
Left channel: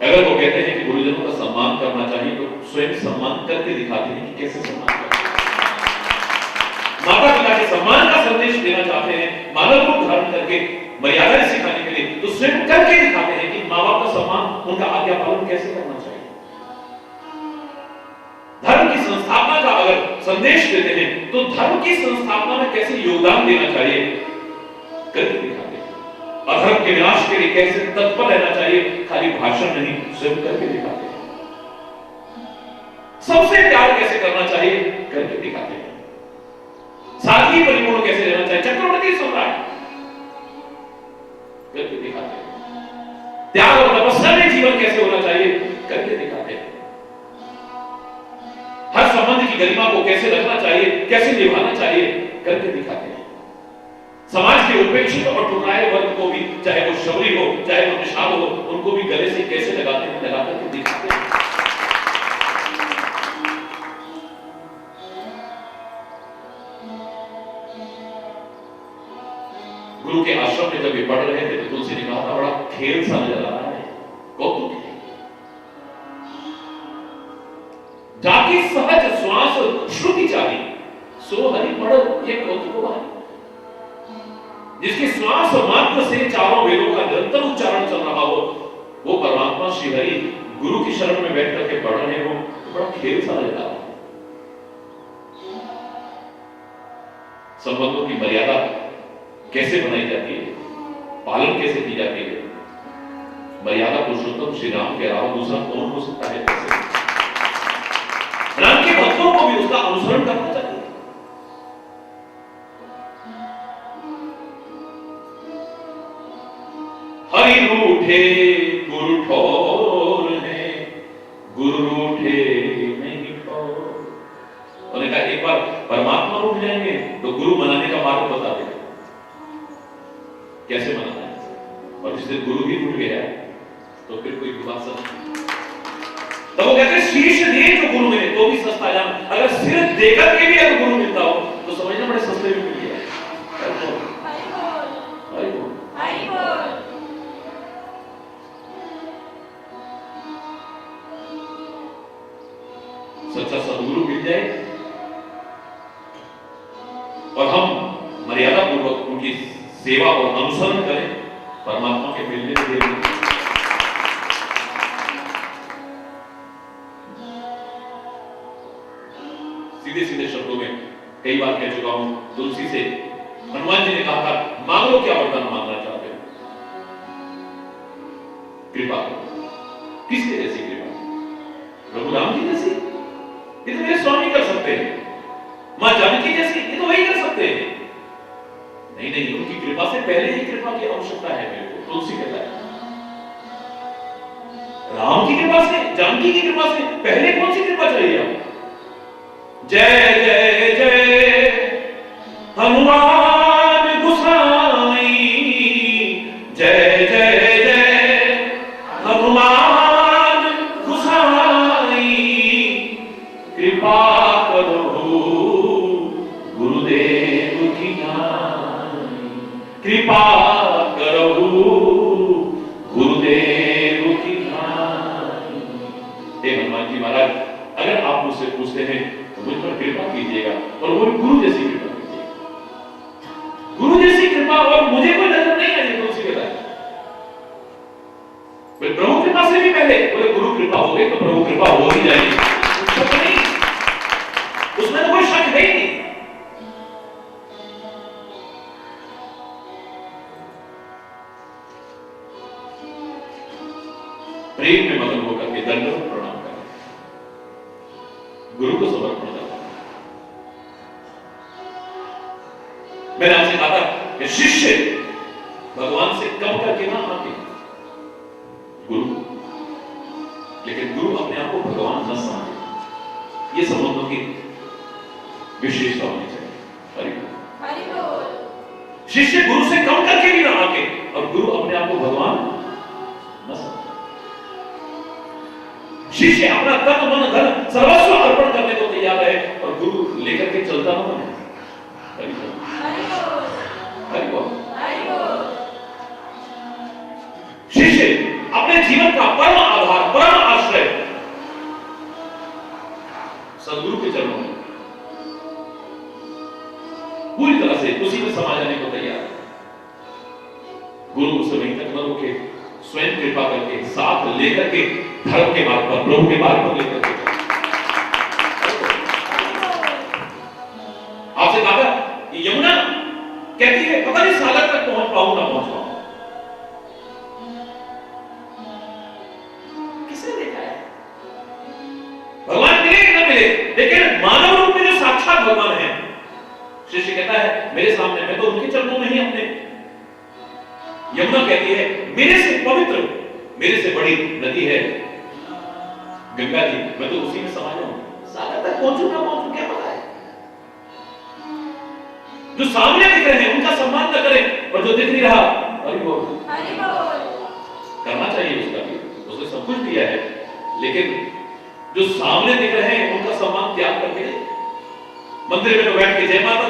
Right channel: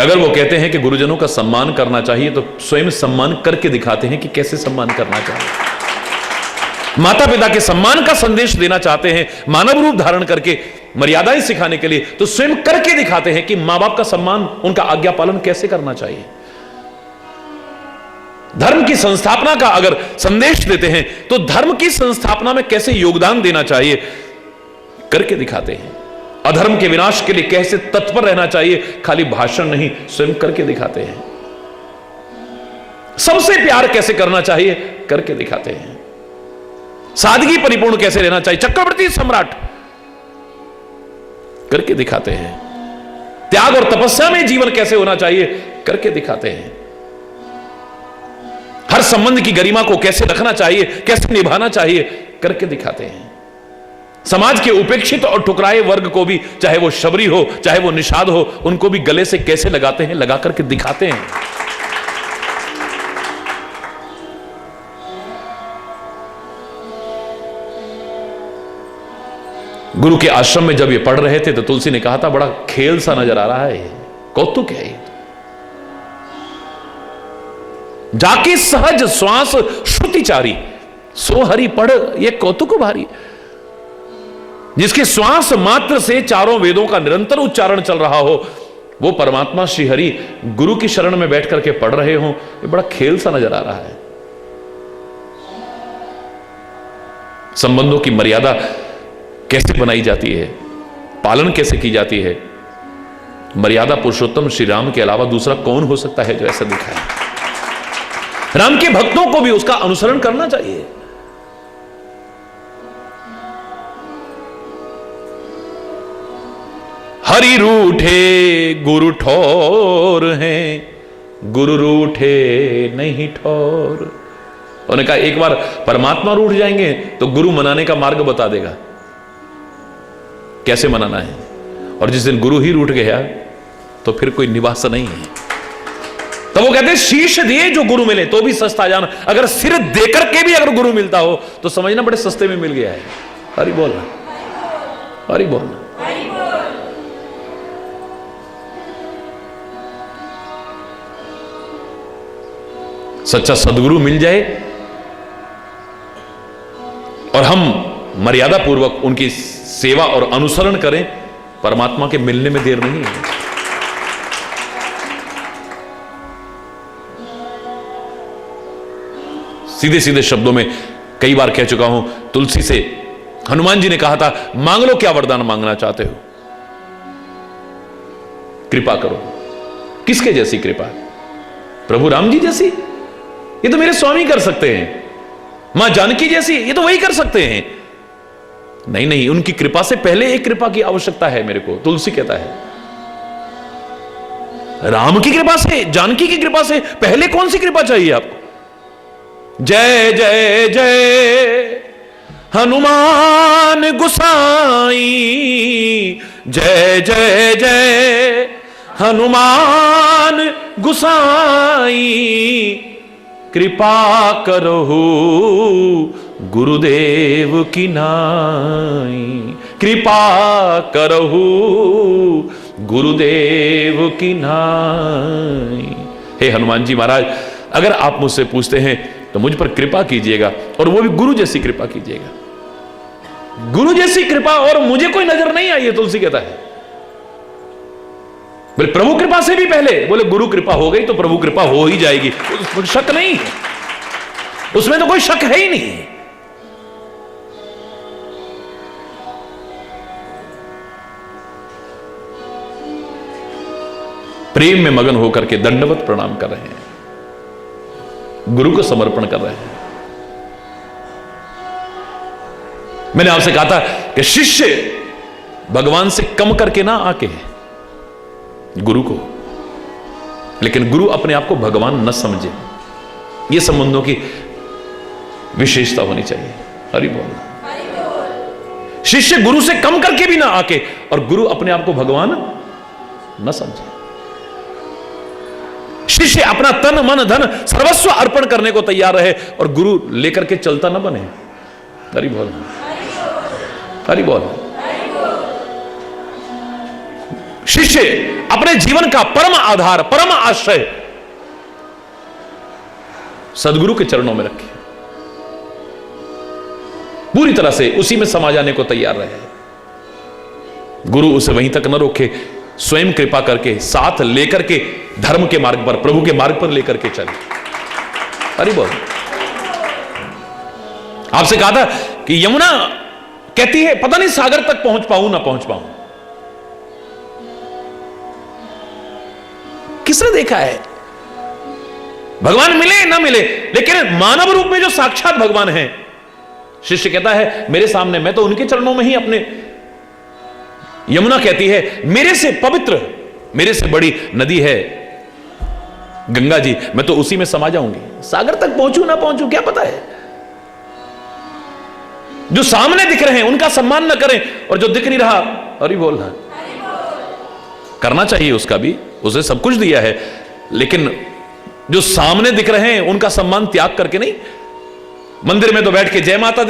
अगर वो कहते हैं कि गुरुजनों का सम्मान करना चाहिए, तो स्वयं सम्मान करके दिखाते हैं कि कैसे सम्मान करना चाहिए। माता पिता के सम्मान का संदेश देना चाहते हैं, मानव रूप धारण करके मर्यादाएं सिखाने के लिए, तो स्वयं करके दिखाते हैं कि मां बाप का सम्मान, उनका आज्ञा पालन कैसे करना चाहिए। धर्म की संस्थापना का अगर संदेश देते हैं, तो धर्म की संस्थापना में कैसे योगदान देना चाहिए करके दिखाते हैं। अधर्म के विनाश के लिए कैसे तत्पर रहना चाहिए, खाली भाषण नहीं, स्वयं करके दिखाते हैं। सबसे प्यार कैसे करना चाहिए करके दिखाते हैं। सादगी परिपूर्ण कैसे रहना चाहिए, चक्रवर्ती सम्राट करके दिखाते हैं। त्याग और तपस्या में जीवन कैसे होना चाहिए करके दिखाते हैं। हर संबंध की गरिमा को कैसे रखना चाहिए, कैसे निभाना चाहिए करके दिखाते हैं। समाज के उपेक्षित और ठुकराए वर्ग को भी, चाहे वो शबरी हो, चाहे वो निषाद हो, उनको भी गले से कैसे लगाते हैं, लगा करके दिखाते हैं। गुरु के आश्रम में जब ये पढ़ रहे थे तो तुलसी ने कहा था बड़ा खेल सा नजर आ रहा है, कौतुक है। जाके सहज श्वास श्रुतिचारी, सो हरि पढ़ ये कौतुक भारी। जिसके श्वास मात्र से चारों वेदों का निरंतर उच्चारण चल रहा हो, वो परमात्मा श्री हरि गुरु की शरण में बैठ करके पढ़ रहे हो, ये बड़ा खेल सा नजर आ रहा है। संबंधों की मर्यादा कैसे बनाई जाती है, पालन कैसे की जाती है, मर्यादा पुरुषोत्तम श्री राम के अलावा दूसरा कौन हो सकता है जो ऐसा दिखा है। राम के भक्तों को भी उसका अनुसरण करना चाहिए। हरि रूठे गुरु ठोर हैं, गुरु रूठे नहीं ठोर। उन्होंने कहा एक बार परमात्मा रूठ जाएंगे तो गुरु मनाने का मार्ग बता देगा, कैसे मनाना है। और जिस दिन गुरु ही रूठ गया तो फिर कोई निवास नहीं है। तो वो कहते हैं शीश दिए जो गुरु मिले तो भी सस्ता जाना। अगर सिर देकर के भी अगर गुरु मिलता हो तो समझना बड़े सस्ते में मिल गया है। हरि बोल, हरि बोल। सच्चा सदगुरु मिल जाए और हम मर्यादा पूर्वक उनकी सेवा और अनुसरण करें, परमात्मा के मिलने में देर नहीं है। सीधे सीधे शब्दों में कई बार कह चुका हूं, तुलसी से हनुमान जी ने कहा था मांग लो क्या वरदान मांगना चाहते हो, कृपा करो। किसके जैसी कृपा? प्रभु राम जी जैसी? ये तो मेरे स्वामी कर सकते हैं। मां जानकी जैसी? ये तो वही कर सकते हैं। नहीं नहीं, उनकी कृपा से पहले एक कृपा की आवश्यकता है मेरे को। तुलसी कहता है राम की कृपा से, जानकी की कृपा से पहले कौन सी कृपा चाहिए आप? जय जय जय हनुमान गुसाई, जय जय जय हनुमान गुसाई, कृपा करहु गुरुदेव की नाई, कृपा करहु गुरुदेव की नाई। हे हनुमान जी महाराज, अगर आप मुझसे पूछते हैं तो मुझ पर कृपा कीजिएगा, और वो भी गुरु जैसी कृपा कीजिएगा। गुरु जैसी कृपा और मुझे कोई नजर नहीं आई है, तुलसी कहता है। बोले प्रभु कृपा से भी पहले, बोले गुरु कृपा हो गई तो प्रभु कृपा हो ही जाएगी, शक नहीं, उसमें तो कोई शक है ही नहीं। प्रेम में मगन होकर के दंडवत प्रणाम कर रहे हैं, गुरु को समर्पण कर रहे हैं। मैंने आपसे कहा था कि शिष्य भगवान से कम करके ना आके गुरु को, लेकिन गुरु अपने आप को भगवान न समझे। यह संबंधों की विशेषता होनी चाहिए। हरि बोल। शिष्य गुरु से कम करके भी ना आके और गुरु अपने आप को भगवान न समझे। शिष्य अपना तन मन धन सर्वस्व अर्पण करने को तैयार रहे और गुरु लेकर के चलता न बने। हरि बोल, हरि बोल। शिष्य अपने जीवन का परम आधार, परम आश्रय सदगुरु के चरणों में रखे, पूरी तरह से उसी में समा जाने को तैयार रहे। गुरु उसे वहीं तक न रोके, स्वयं कृपा करके साथ लेकर के धर्म के मार्ग पर, प्रभु के मार्ग पर लेकर के चले। अरे बोल। आपसे कहा था कि यमुना कहती है पता नहीं सागर तक पहुंच पाऊं ना पहुंच पाऊं। किसने देखा है? भगवान मिले ना मिले, लेकिन मानव रूप में जो साक्षात भगवान है, शिष्य कहता है मेरे सामने, मैं तो उनके चरणों में ही अपने। यमुना कहती है मेरे से पवित्र, मेरे से बड़ी नदी है गंगा जी, मैं तो उसी में समा जाऊंगी। सागर तक पहुंचू ना पहुंचू क्या पता है। जो सामने दिख रहे हैं उनका सम्मान न करें, और जो दिख नहीं रहा, हरि बोल, करना चाहिए उसका भी, उसे सब कुछ दिया है, लेकिन जो सामने दिख रहे हैं उनका सम्मान त्याग करके नहीं। मंदिर में तो बैठ के जय माता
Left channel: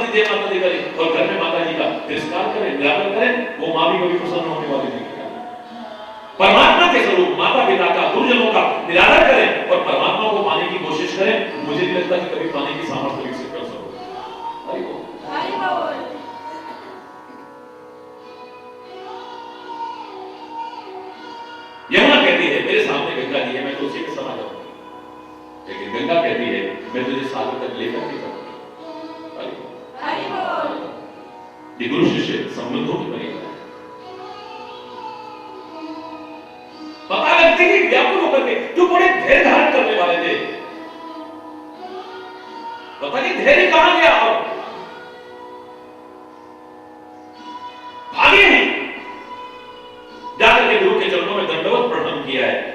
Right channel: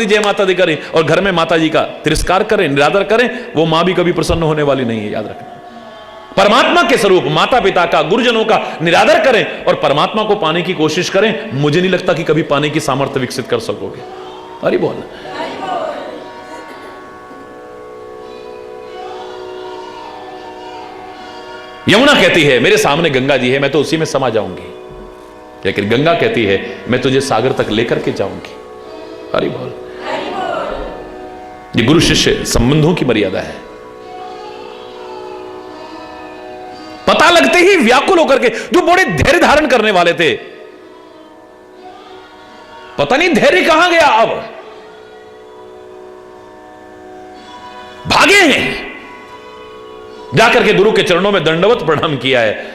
दी करें और घर में माता जी का तिरस्कार करें, निरादर करें, वो मां भी कभी प्रसन्न होने वाली नहीं है, याद रखें। परमात्मा के स्वरूप माता पिता का, गुरुजनों का निरादर करें और परमात्मा को पाने की कोशिश करें, मुझे नहीं लगता कि कभी पाने की सामर्थ्य विकसित कर सकोगे। अरे बोल। यमुना कहती है मेरे सामने गंगा जी है, मैं तो उसी में समा जाऊंगी, लेकिन गंगा कहती है मैं तुझे सागर तक लेकर के जाऊंगी। अरे बोल। ये गुरु शिष्य संबंधों की मर्यादा है। पता लगते ही व्याकुल होकर के, जो बड़े धैर्य धारण करने वाले थे, पता नहीं धैर्य कहां गया, अब भागे हैं। जाकर के गुरु के चरणों में दंडवत प्रणाम किया है।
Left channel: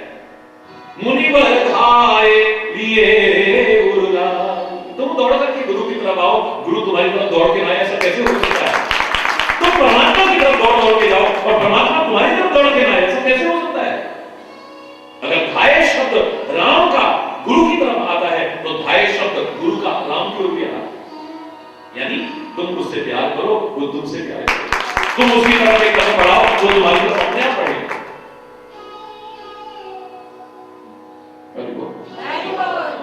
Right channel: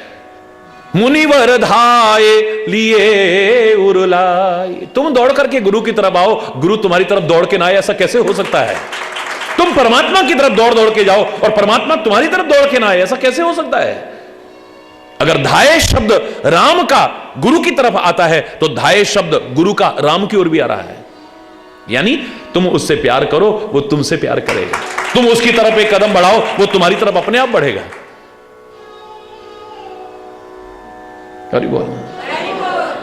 मुनिवर धाये लिए उरुलाई। तुम दौड़ करके गुरु की तरफ आओ, गुरु तुम्हारी तरफ दौड़ के ना आए, ऐसा कैसे हो सकता है? तुम परमात्मा की तरफ दौड़ दौड़ के जाओ और परमात्मा तुम्हारी तरफ दौड़ के ना आए, ऐसा कैसे हो सकता है? अगर धाये शब्द राम का गुरु की तरफ आता है तो धाये शब्द गुरु का राम की ओर भी आ रहा है। यानी तुम उससे प्यार करो, वो तुमसे प्यार करेगा। तुम उसकी तरफ एक कदम बढ़ाओ, वो तुम्हारी तरफ अपने आप बढ़ेगा। अरे बोल।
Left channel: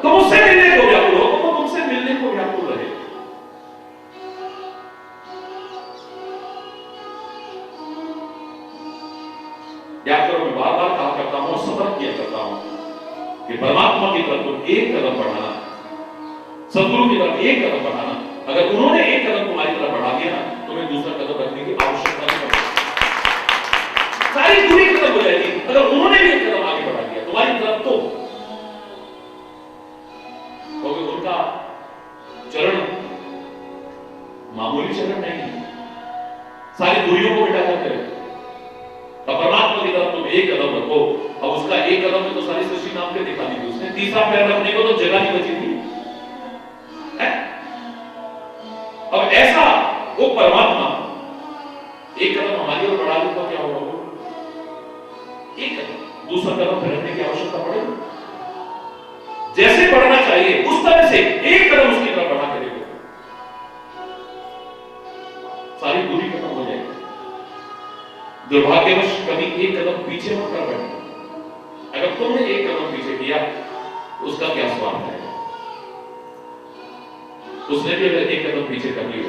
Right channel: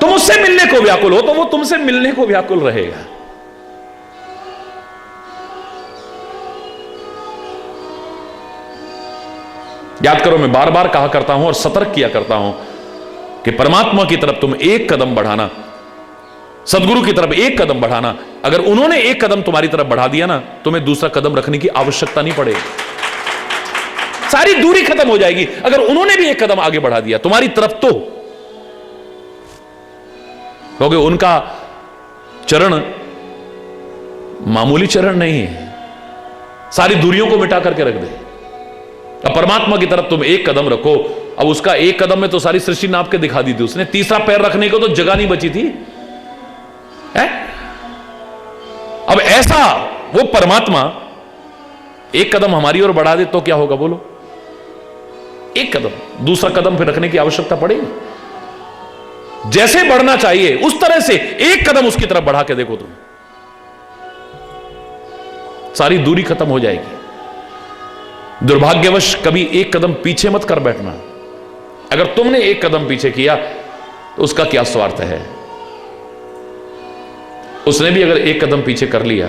तुम उससे मिलने को व्याकुल हो तो वो तुमसे मिलने को व्याकुल रहेगा। याद करो, मैं बार बार कहा करता हूं और सतर्क किया करता हूं कि परमात्मा की तरफ तुम एक कदम बढ़ाना, सदगुरु की तरफ एक कदम बढ़ाना, अगर उन्होंने एक कदम तुम्हारी तरफ बढ़ा दिया ना, तुम्हें दूसरा कदम रखने की आवश्यकता नहीं पड़ेगी। सारी दूरी खत्म हो जाएगी। अगर उन्होंने भी एक कदम आगे बढ़ा दिया तुम्हारी तरफ, तो क्योंकि उनका चरण मामूली चरण नहीं है, सारी दूरियों को मिटा करके रख दे। अब परमात्मा की तरफ तुम एक कदम रखो, अब उसका एक कदम में तो सारी सृष्टि नाप के दिखा दी थी उसने, तीसरा पैर रखने को तो जगह नहीं बची थी है? अब ऐसा वो परमात्मा एक कदम हमारी ओर बढ़ा दे तो क्या होगा बोलो? एक कदम, दूसरा कदम फिर रखने की आवश्यकता पड़ेगी। जैसे बढ़ना चाहिए उस तरह से एक कदम उसकी तरफ बढ़ा के देखो तुम, सारी दूरी खत्म हो जाएगी। दुर्भाग्यवश कभी एक कदम पीछे मत कर बैठना। अगर तुमने एक कदम पीछे किया तो उसका क्या स्वार्थ है? उसने भी अगर एक कदम पीछे कर लिया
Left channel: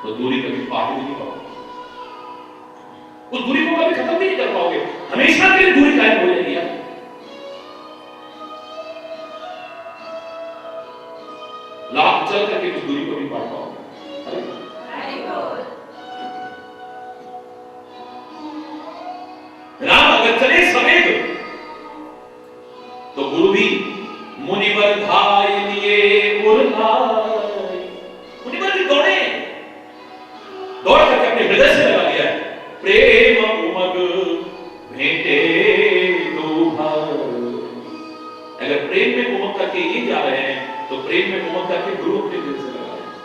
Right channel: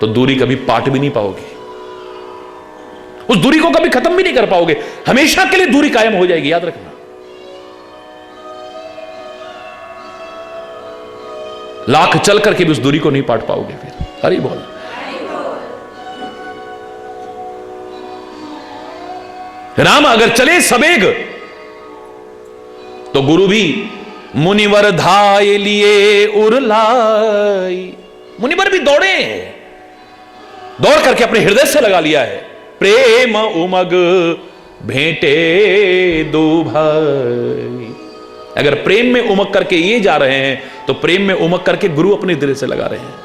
तो दूरी कभी पाट भी नहीं पाओगे, उस दूरी को कभी खत्म भी नहीं कर पाओगे, हमेशा के लिए दूरी कायम हो जाएगी, याद रखना। लाख चल करके भी उस दूरी को नहीं पाट पाओगे फिर। हरि बोल। राम अगर चले सवेग तो गुरु भी मुनिवर धाय लिए उरलाई। मुनिवर भी दौड़े, दौड़ करके अपने हृदय से लगा लिया है। प्रेम उमग भेंटे दो भाई। अगर प्रेम में उमग करके ये जा रहे हैं तो प्रेम में उमग करके गुरु अपने दिल से लगा रहे हैं।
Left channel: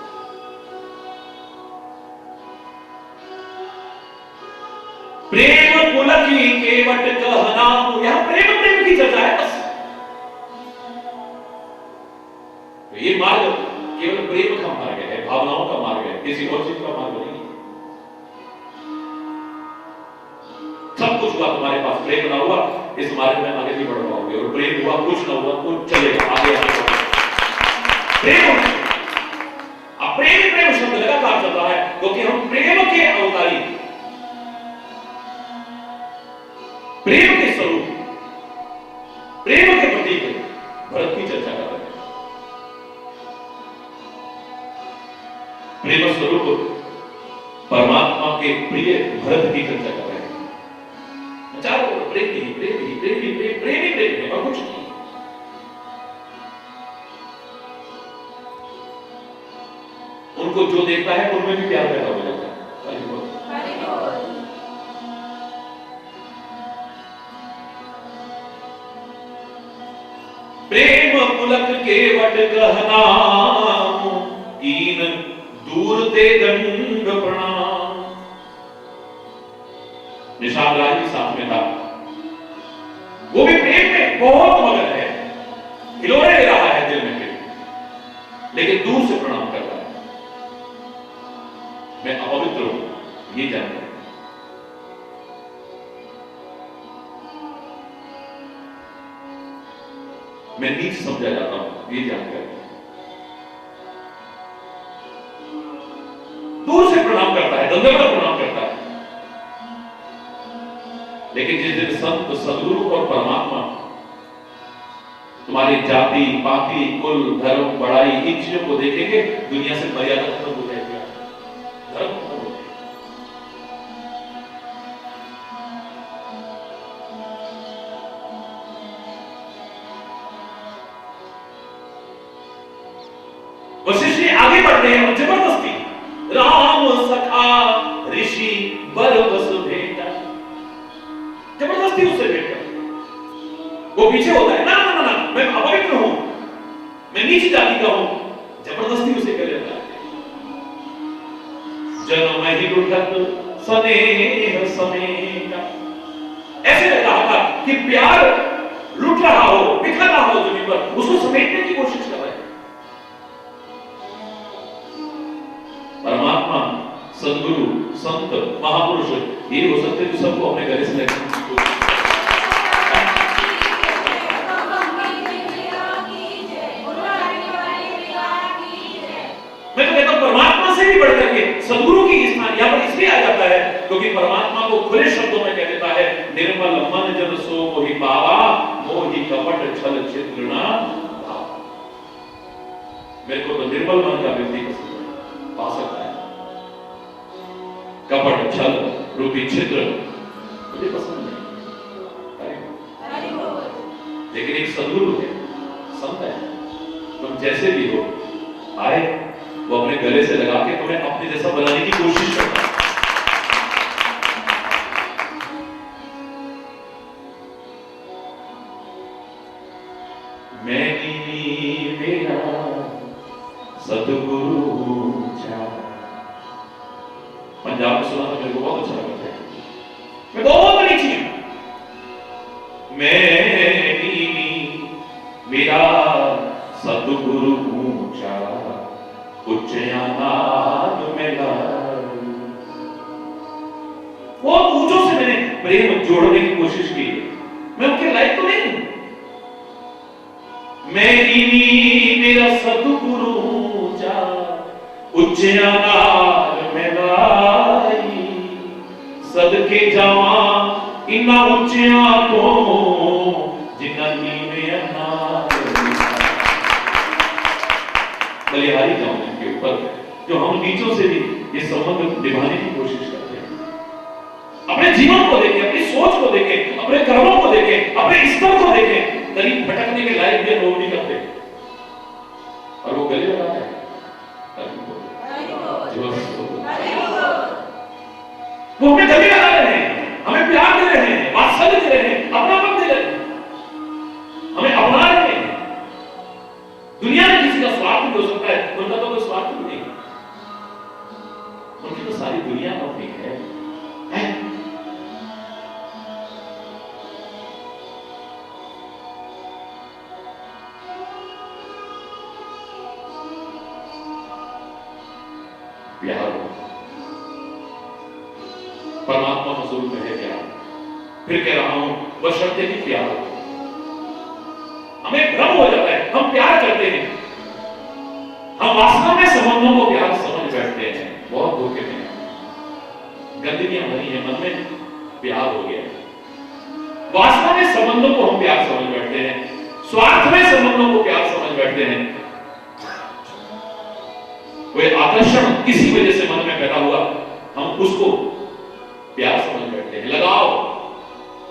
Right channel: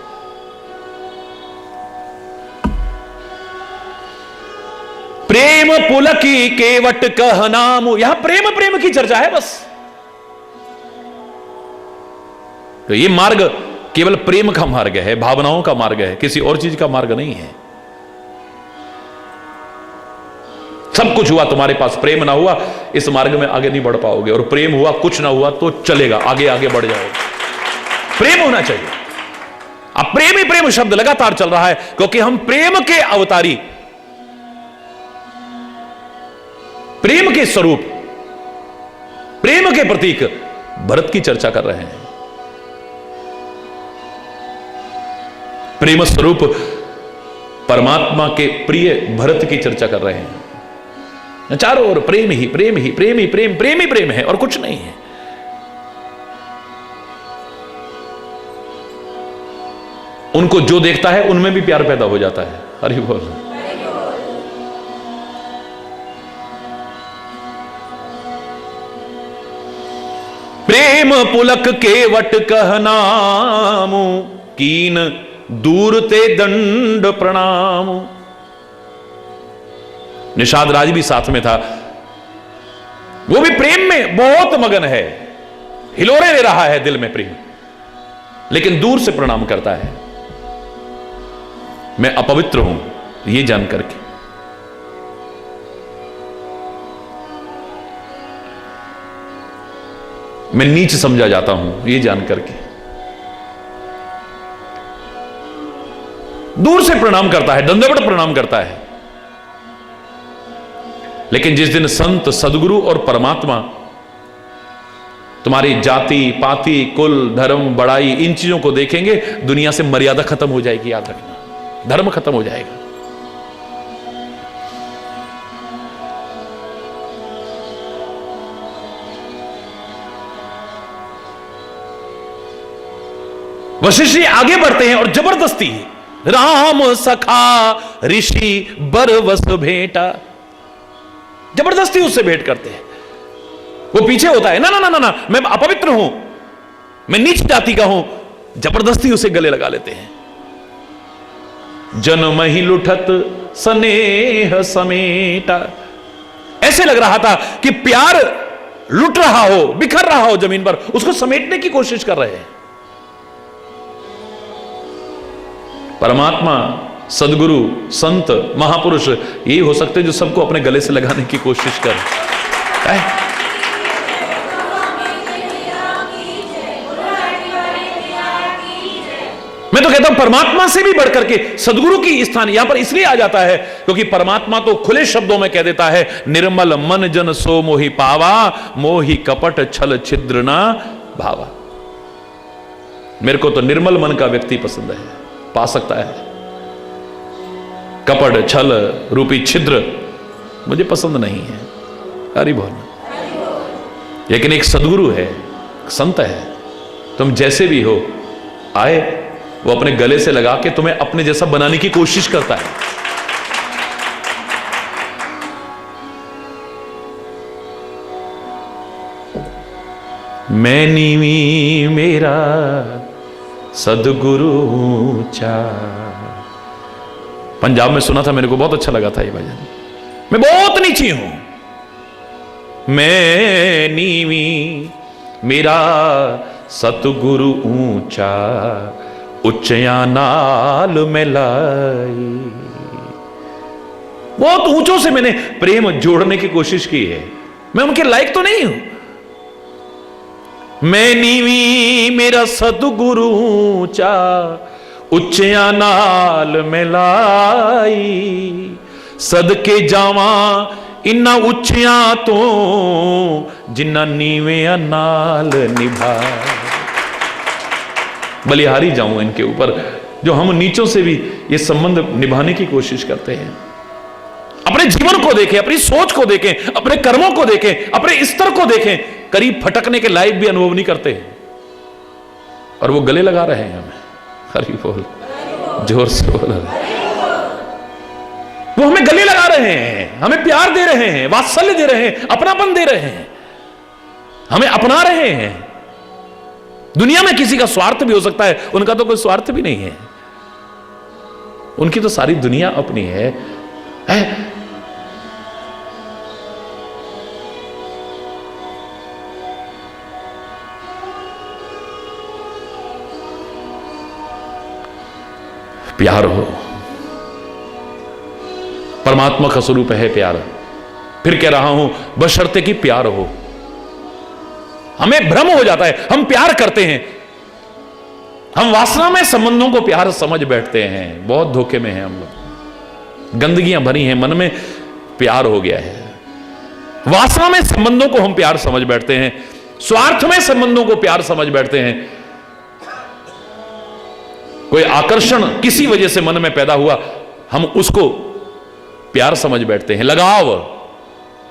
प्रेम पुलकी केवट कह नाम। यहां प्रेम प्रेम की चर्चा है बस। तो ये मार्ग केवल प्रेम का मार्ग है, भावनाओं का मार्ग है, किसी और चीज का मार्ग नहीं है। सब कुछ हुआ तुम्हारे पास, प्रेम ना हुआ इस मार्ग में आगे नहीं बढ़ पाओगे, और प्रेम हुआ कुछ ना हुआ तो चलेगा, आगे आगे बढ़ जाओगे। प्रेम होना चाहिए। अब प्रेम ही प्रेम शब्द लगातार चल रहा है क्योंकि हम प्रेम के अवतारी, प्रेम के स्वरूप, प्रेम के प्रतीक भरत की चर्चा कर रहे हैं। प्रेम स्वरूप परमात्मा के प्रिय भरत की चर्चा कर रहे हैं। चारों ओर प्रेम ही प्रेम ही प्रेम ही प्रेम, प्रेम ही प्रेम है और कुछ नहीं है। उनको जो देखता है उनमें भी प्यार पैदा हो जाता है। हरि बोल। प्रेम पुलक केवट कहनाम, कीन दूर ते दंड प्रणाम। निषाद राज भी साथ में था, वो भी प्रेम में बहुत मगन है, हिलोरे ले रहा है दिल में प्रेम, लेकिन दूर से प्रणाम करता है। मैं अपवित्र हूं ये जान करके। मैं नीच समझा जाता हूं, ये जान करके दूर से प्रणाम करता है, दंडवत प्रणाम करता है। लेकिन जिस दिन संत, सदगुरु और परमात्मा तुम्हारी जाति, पाति, कुल, धर्म, बड़ाई, इन चीजों को देखेंगे, दुनिया से मर्यादा खत्म हो जाएगी। याद रखना, धर्म खत्म हो जाएगा। वशिष्ठ जी आगे बढ़ते हैं और जबरदस्ती राम सखा ऋषि बरवस भेंटा, जबरदस्ती उससे भेंट करते हैं। वो पीछे होता है, ना ना ना ना ना, मैं अपवित्र हूं, मैं नीच जाति का हूं, जबरदस्ती उसे गले लगा लेते हैं। जन्म ही लुठत स्नेह समेटा, ऐसे लग रहा था कि प्यार लुट रहा हो, बिखर रहा हो जमीन पर, उसको समेटने की कोशिश कर रहे हैं। परमात्मा, सदगुरु, संत, महापुरुष यही हो सकते जो सबको अपने गले से लगाने की कोशिश करें। मैं तो कहता हूं परमात्मा से भी बढ़कर के सदगुरु की स्थान यहां पर इसलिए आ जाता है क्योंकि परमात्मा तो खुले शब्दों में कह देता है, निर्मल मन जन सो मोहि पावा, मोहि कपट छल छिद्र ना भावा। मेरे को तो निर्मल मन का व्यक्ति पसंद है, पा सकता है। कपट छल रूपी छिद्र मुझे पसंद नहीं है। हरि बोल। लेकिन एक सदगुरु है, संत है, तुम जैसे भी हो आए, वो अपने गले से लगा के तुम्हें अपने जैसा बनाने की कोशिश करता है। मैं नीवी मेरा सदगुरु ऊंचा। पंजाब में सुना था, मेरे को बहुत अच्छा लगा था ये भजन। मैं बहुत नीची हूं, मैं नीवी मेरा सतगुरु ऊंचा, उच्चया नाल में लाई। बहुत ऊंचों से मैंने प्रेम जोड़ने की कोशिश की है, मैं उनके लायक तो नहीं हूं। मैं नीवी मेरा सतगुरु ऊंचा, उच्चया नाल में लाई। सदके जावा इन्ना उच्चिया तो, जिन्ना नीविया नाल निभा। बलिहारी जाऊं इनके ऊपर, जो हम नीचों से भी ये संबंध निभाने की कोशिश करते हैं। अपने जीवन को देखें, अपनी सोच को देखें, अपने कर्मों को देखें, अपने स्तर को देखें, करीब फटकने के लायक भी अनुभव नहीं करते और वो गले लगा रहे हैं हमें। हरि बोल, जोर से बोल। वो हमें गले लगा रहे हैं, हमें प्यार दे रहे हैं, वात्सल्य दे रहे हैं, अपनापन दे रहे हैं, हमें अपना रहे हैं। दुनिया में किसी का स्वार्थ भी हो सकता है, उनका तो कोई स्वार्थ भी नहीं है। उनकी तो सारी दुनिया अपनी है। प्यार हो, परमात्मा का स्वरूप है प्यार। फिर कह रहा हूं, बशर्ते कि प्यार हो। हमें भ्रम हो जाता है, हम प्यार करते हैं, हम वासना में संबंधों को प्यार समझ बैठते हैं। बहुत धोखे में हैं हम लोग, गंदगियां भरी हैं मन में, प्यार हो गया है। वासना में संबंधों को हम प्यार समझ बैठते हैं, स्वार्थ में संबंधों को प्यार समझ बैठते हैं। कोई आकर्षण किसी वजह से मन में पैदा हुआ, हम उसको प्यार समझ बैठते हैं। लगाव,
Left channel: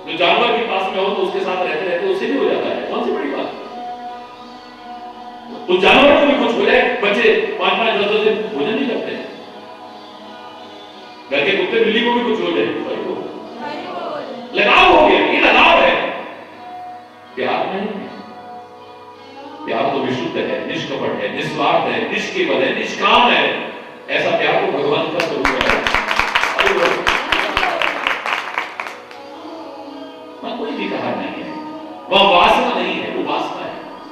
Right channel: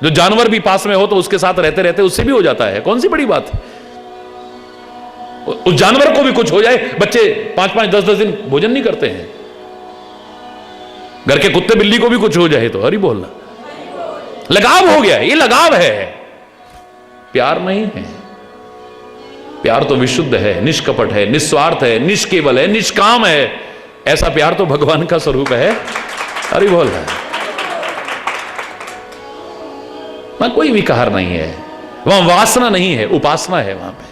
जो जानवर भी पास में हो तो उसके साथ रहते रहते उससे भी हो जाता है, कौन सी बड़ी बात है। उस जानवर को भी कुछ हो जाए, बच्चे 5-5, 10-10 दिन भोजन नहीं करते हैं। घर के कुत्ते बिल्ली को भी कुछ हो जाए तो हरि बोल, लगाव हो गया। ये लगाव है, प्यार नहीं है। प्यार तो विशुद्ध है, निष्कपट है, निस्वार्थ है, निष्केवल है, निष्काम है। ऐसा प्यार तो भगवान का स्वरूप है। हरि बोल। वहां कोई विकार नहीं है, वहां वासना नहीं है, उपासना है। वहां पे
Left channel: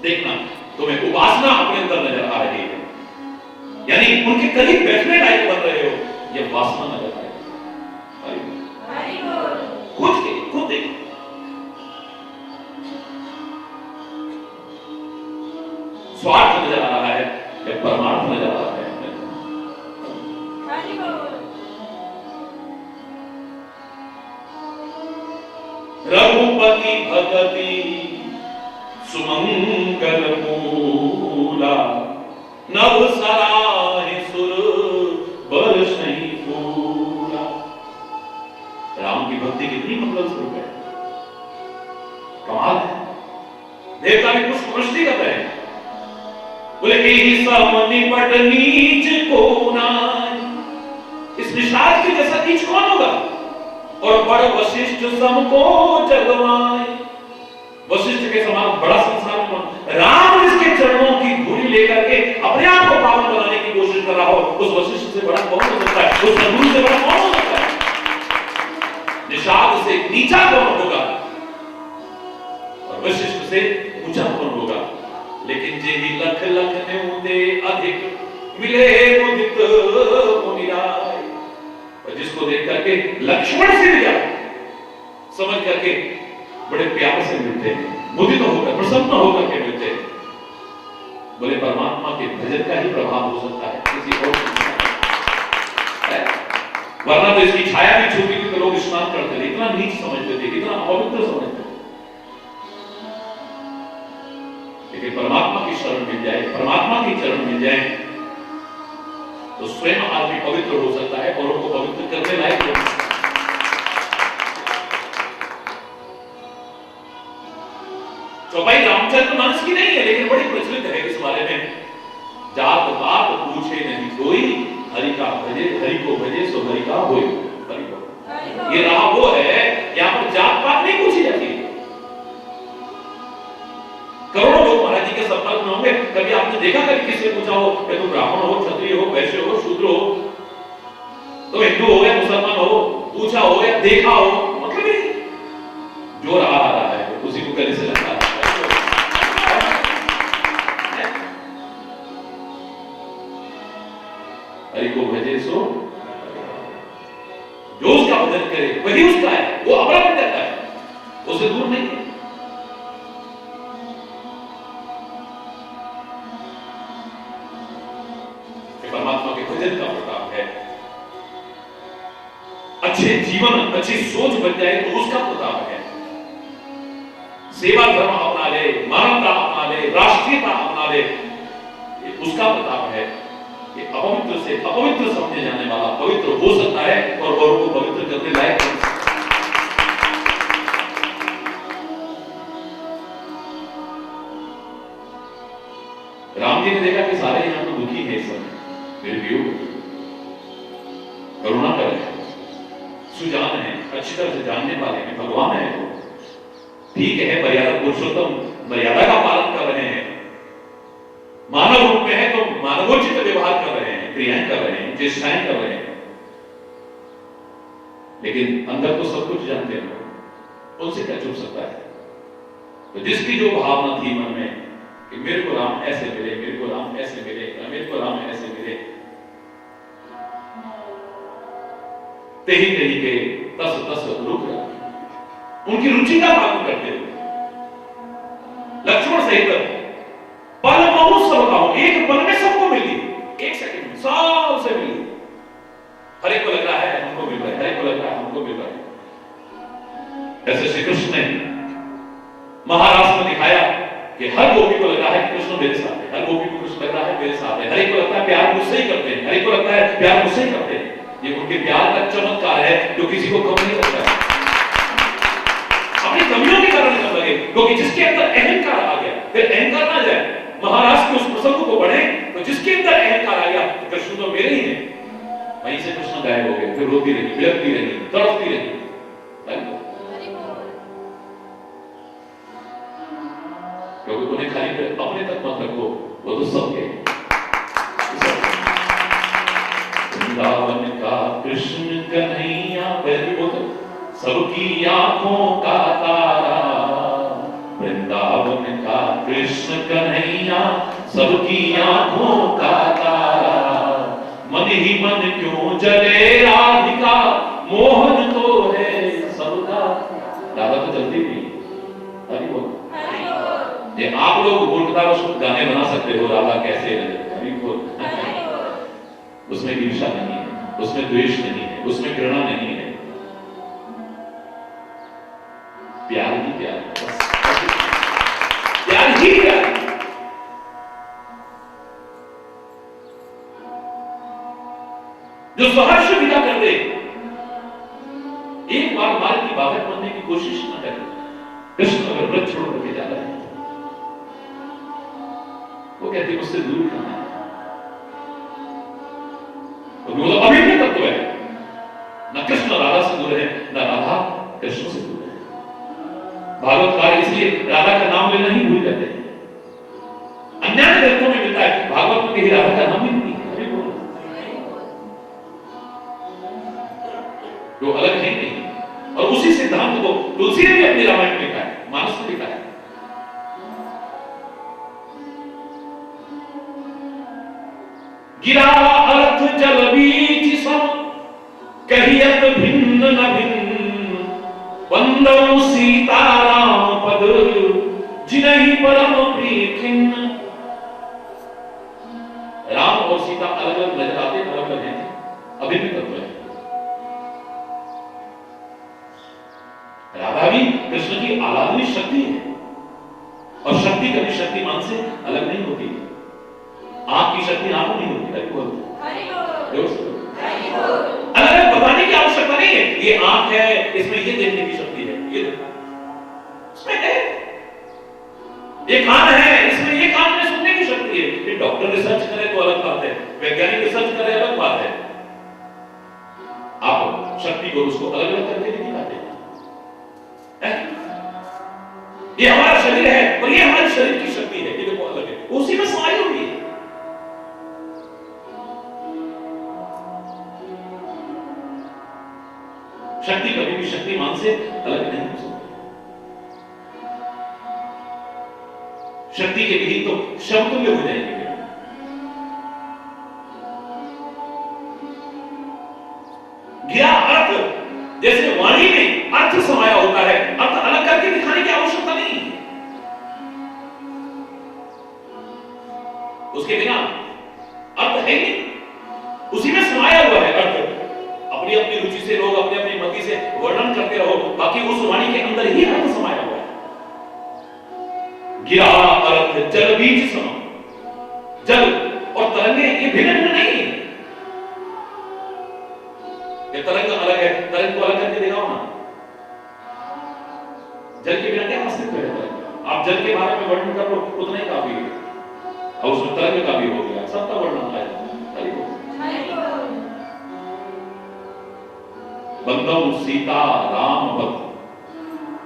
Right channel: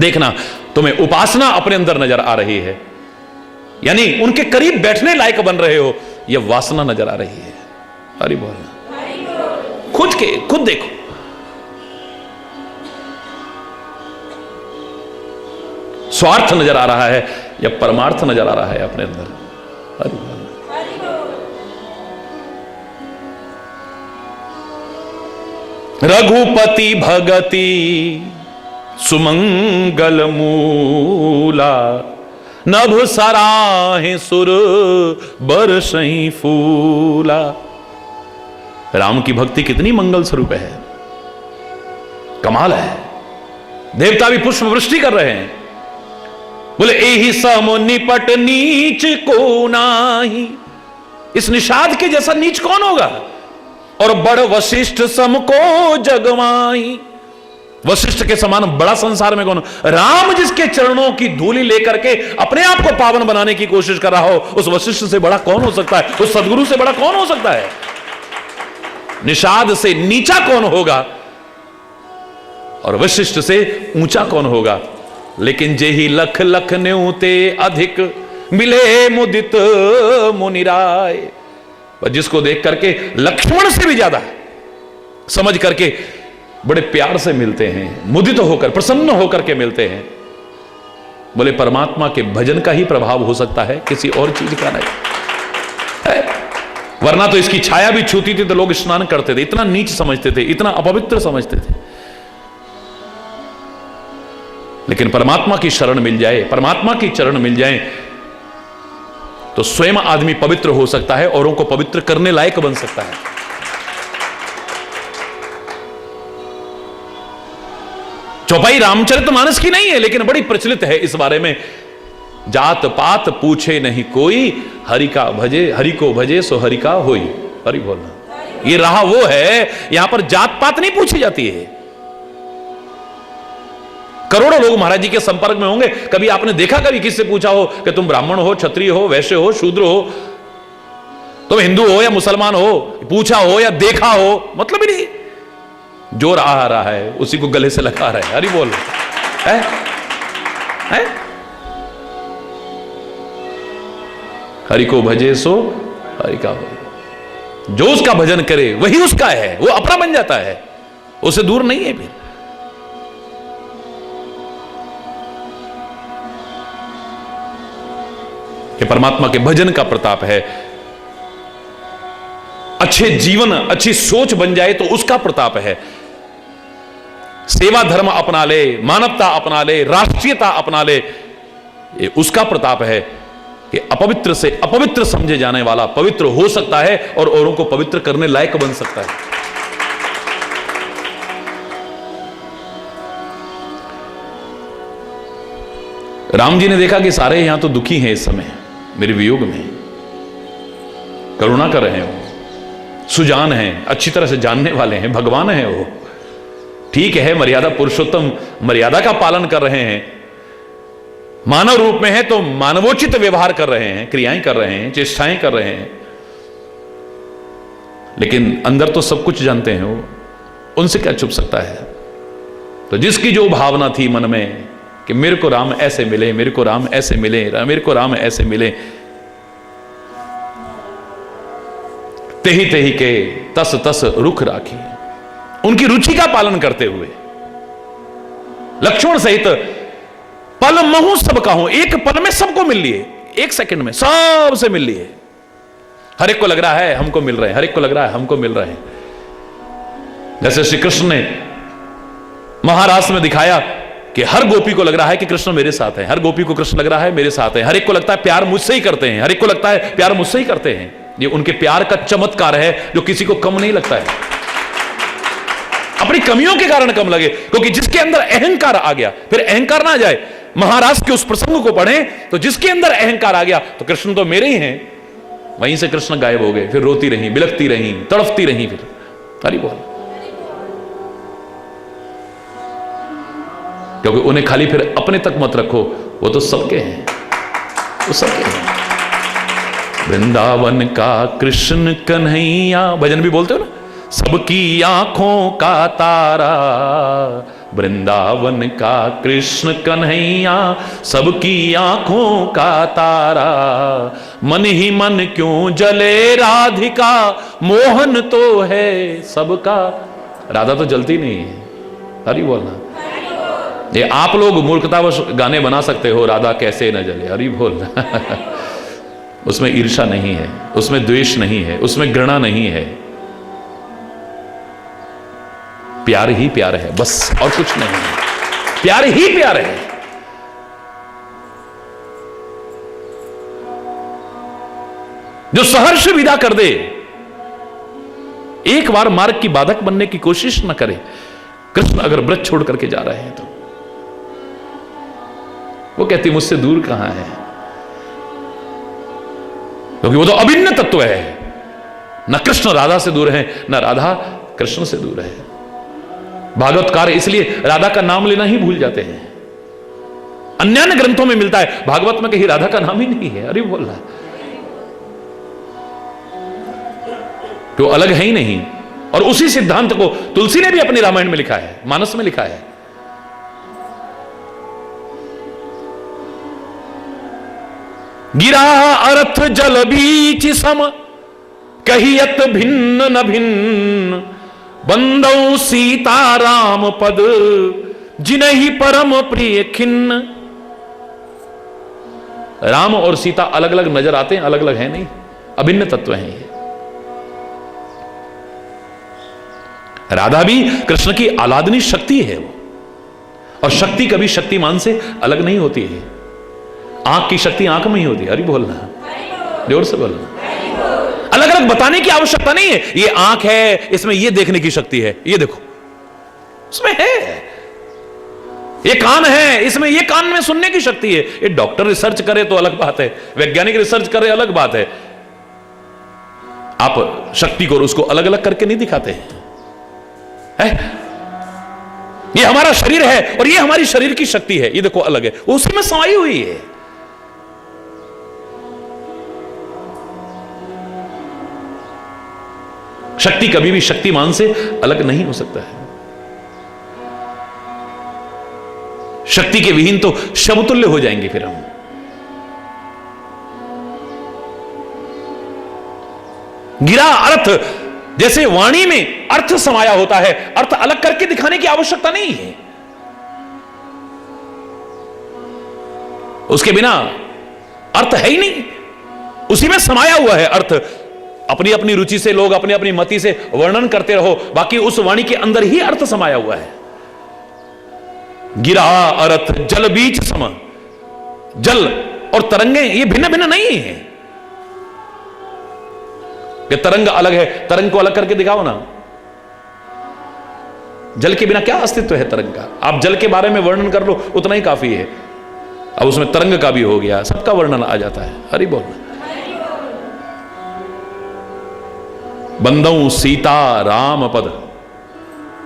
देखना, तुम्हें उपासना अपने अंदर नजर आ रही है, यानी उनके करीब बैठने लायक बन रहे हो, यह वासना नजर आ रही है। हरि बोल। खुद देखो, स्वार्थ नजर आ रहा है या परमार्थ नजर आ रहा है अपने अंदर? रघुपति भगति सुमंगल मूला, नभ सराहे सुर बरसई फूला। राम की भक्ति कितनी मंगल स्वरूप है, कमाल है। देवता भी पुष्प वृष्टि कर रहे हैं, बोले एहि सम निपट नीच को नाही। इस निषाद के जैसा नीच कौन होगा? और बड़ वशिष्ठ सम को जगमाई। वशिष्ठ के समान बड़ा संसार में कौन? राम जिसके चरणों की धूलि लेकर के अपने आप को पावन बनाने की कोशिश कर रहा हो, उस वशिष्ठ से बड़ा कौन हो सकता है? उस सदगुरु से बड़ा कौन हो सकता है? निषाद से नीचा कौन होगा और वशिष्ठ से ऊंचा कौन होगा? लेकिन जेहि लख लख न्यूते अधिक, मिले मुदित मुनिराय। पर जिसको देख करके लक्ष्मण से भी ज्यादा समझ करके बड़े प्यार से मिलते हैं, मुदित होकर प्रसन्न होकर के मिलते हैं। बोले परमात्मा के भजन का ही प्रभाव हो सकता है, किसी और चीज का नहीं है। वरना तो इसकी छाया भी छूती थी तो लोग स्नान करते थे, इतना नीच समझते थे, इतना अपवित्र समझते थे। लेकिन परमात्मा की शरण मिल जाए, परमात्मा की चरण मिल जाए तो स्वयं आदमी पवित्र हो सकता है, औरों को पवित्र करने लायक बन सकता है। चौपाई रामचरितमानस की नहीं है, लेकिन बड़ी प्रचलित है इस बारे में। जात पात पूछे नहीं कोई, हरि का भजे, हरि को भजे सो हरि का होए। हरि बोलना, ये रहा वो है, यहां पर जात पात नहीं पूछी जाती है। करोड़ों लोग महाराज जी के संपर्क में होंगे, कभी आपने देखा कभी किससे पूछा हो कि तुम ब्राह्मण हो, क्षत्रिय हो, वैश्य हो, शूद्र हो, तुम हिंदू हो या मुसलमान हो? पूछा हो या देखा हो, मतलब ही नहीं। जो आ रहा है उसी को गले से लगा रहा है। हरि बोल है? हरि को भजे सो हरि का हो। जो उसका भजन करे वही उसका है, वो अपना बन जाता है, उसे दूर नहीं है। फिर कि परमात्मा के भजन का प्रताप है। अच्छे जीवन, अच्छी सोच बन जाए तो उसका प्रताप है। सेवा धर्म अपना ले, मानवता अपना ले, राष्ट्रीयता अपना ले, ये उसका प्रताप है कि अपवित्र से अपवित्र समझे जाने वाला पवित्र हो सकता है और औरों को पवित्र करने लायक बन सकता है। राम जी ने देखा कि सारे यहां तो दुखी हैं इस समय मेरे वियोग में, करुणा कर रहे हैं, सुजान हैं, अच्छी तरह से जानने वाले हैं, भगवान हैं वो, ठीक है, मर्यादा पुरुषोत्तम मर्यादा का पालन कर रहे हैं, मानव रूप में है तो मानवोचित व्यवहार कर रहे हैं, क्रियाएं कर रहे हैं, चेष्टाएं कर रहे हैं, लेकिन अंदर तो सब कुछ जानते हैं वो, उनसे क्या छुप सकता है? तो जिसकी जो भावना थी मन में कि मेरे को राम ऐसे मिले, मेरे को राम ऐसे मिले, मेरे को राम ऐसे मिले, तेही तेही के तस तस रुख राखी, उनकी रुचि का पालन करते हुए लक्ष्मण सहित पल महु सब का हो, एक पल में सबको मिल लिए, एक सेकंड में सबसे मिल लिए। हर एक को लग रहा है हमको मिल रहे हैं, हर एक को लग रहा है हमको मिल रहे हैं। जैसे श्री कृष्ण ने महाराष्ट्र में दिखाया कि हर गोपी को लग रहा है कि कृष्ण मेरे साथ है, हर गोपी को कृष्ण लग रहा है मेरे साथ है, हर एक को लगता है प्यार मुझसे ही करते हैं, हर एक को लगता है प्यार मुझसे ही करते हैं। ये उनके प्यार का चमत्कार है जो किसी को कम नहीं लगता है, अपनी कमियों के कारण कम लगे, क्योंकि जिसके अंदर अहंकार आ गया, फिर अहंकार ना आ जाए। महाराज के उस प्रसंग को पढ़ें तो जिसके अंदर अहंकार आ गया तो कृष्ण तो मेरे ही हैं, वहीं से कृष्ण गायब हो गए, फिर रोती रही, बिलखती रही, तड़फती रही। फिर हरि बोल, क्योंकि उन्हें खाली फिर अपने तक मत रखो, वो तो सबके हैं, वो सबके हैं। वृंदावन का कृष्ण कन्हैया, भजन भी बोलते हो ना, सबकी आंखों का तारा, वृंदावन का कृष्ण कन्हैया सबकी आंखों का तारा, मन ही मन क्यों जले राधिका, मोहन तो है सबका। राधा तो जलती नहीं है, हरि बोलना, ये आप लोग मूर्खतावश गाने बना सकते हो, राधा कैसे न जले, अरे बोल उसमें ईर्ष्या नहीं है, उसमें द्वेष नहीं है, उसमें घृणा नहीं है, प्यार ही प्यार है बस, और कुछ नहीं है, प्यार ही प्यार है। जो सहर्ष विदा कर दे, एक बार मार्ग की बाधक बनने की कोशिश न करे। कृष्ण अगर व्रत छोड़ करके जा रहे हैं तो वो कहती मुझसे दूर कहां है, क्योंकि वो तो अभिन्न तत्व है। न कृष्ण राधा से दूर है, न राधा कृष्ण से दूर है। भागवतकार इसलिए राधा का नाम लेना ही भूल जाते हैं। अन्य ग्रंथों में मिलता है, भागवत में कहीं राधा का नाम ही नहीं है। अरे बोल रहा तो अलग है ही नहीं। और उसी सिद्धांत को तुलसी ने भी अपने रामायण में लिखा है, मानस में लिखा है। गिरा अर्थ जल बीच सम, कहियत भिन्न न भिन्न, बंदौ सीता राम पद, जिनहि परम प्रिय खिन्न। राम और सीता अलग अलग नजर आते हैं, अलग अलग है नहीं, अभिन्न तत्व हैं ये। राधा भी कृष्ण की आलादनी शक्ति है, और शक्ति कभी शक्तिमान से अलग नहीं होती है। आंख की शक्ति आंख में ही होती है। अरे बोलना, जोर से बोलना। अलग अलग बताने की आवश्यकता नहीं है। ये आंख है, इसमें ये देखने की शक्ति है, ये देखो उसमें है। ये कान है, इसमें ये कान में सुनने की शक्ति है। ये डॉक्टर रिसर्च करे तो अलग बात है, वैज्ञानिक रिसर्च करे अलग बात है। आप शक्ति को उसको अलग अलग करके नहीं दिखाते हैं। ये हमारा शरीर है और ये हमारी शरीर की शक्ति है, ये देखो अलग है, वो उसी में समाई हुई है। शक्ति कभी भी शक्तिमान से अलग नहीं हो सकता है। शक्ति के विहीन तो समतुल्य हो जाएंगे फिर हम। गिरा अर्थ, जैसे वाणी में अर्थ समाया होता है, अर्थ अलग करके दिखाने की आवश्यकता नहीं है। उसके बिना अर्थ है ही नहीं, उसी में समाया हुआ है अर्थ। अपनी अपनी रुचि से लोग अपनी अपनी मति से वर्णन करते रहो, बाकी उस वाणी के अंदर ही अर्थ समाया हुआ है। गिरा अर्थ जल बीच सम, जल और तरंगे ये भिन्न भिन्न नहीं है। ये तरंग अलग है, तरंग को अलग करके दिखाओ ना। जल के बिना क्या अस्तित्व है तरंग का? आप जल के बारे में वर्णन कर लो, उतना ही काफी है। अब उसमें तरंग का भी हो गया, सबका वर्णन आ जाता है। हरि बोल। बंदौ सीता राम पद,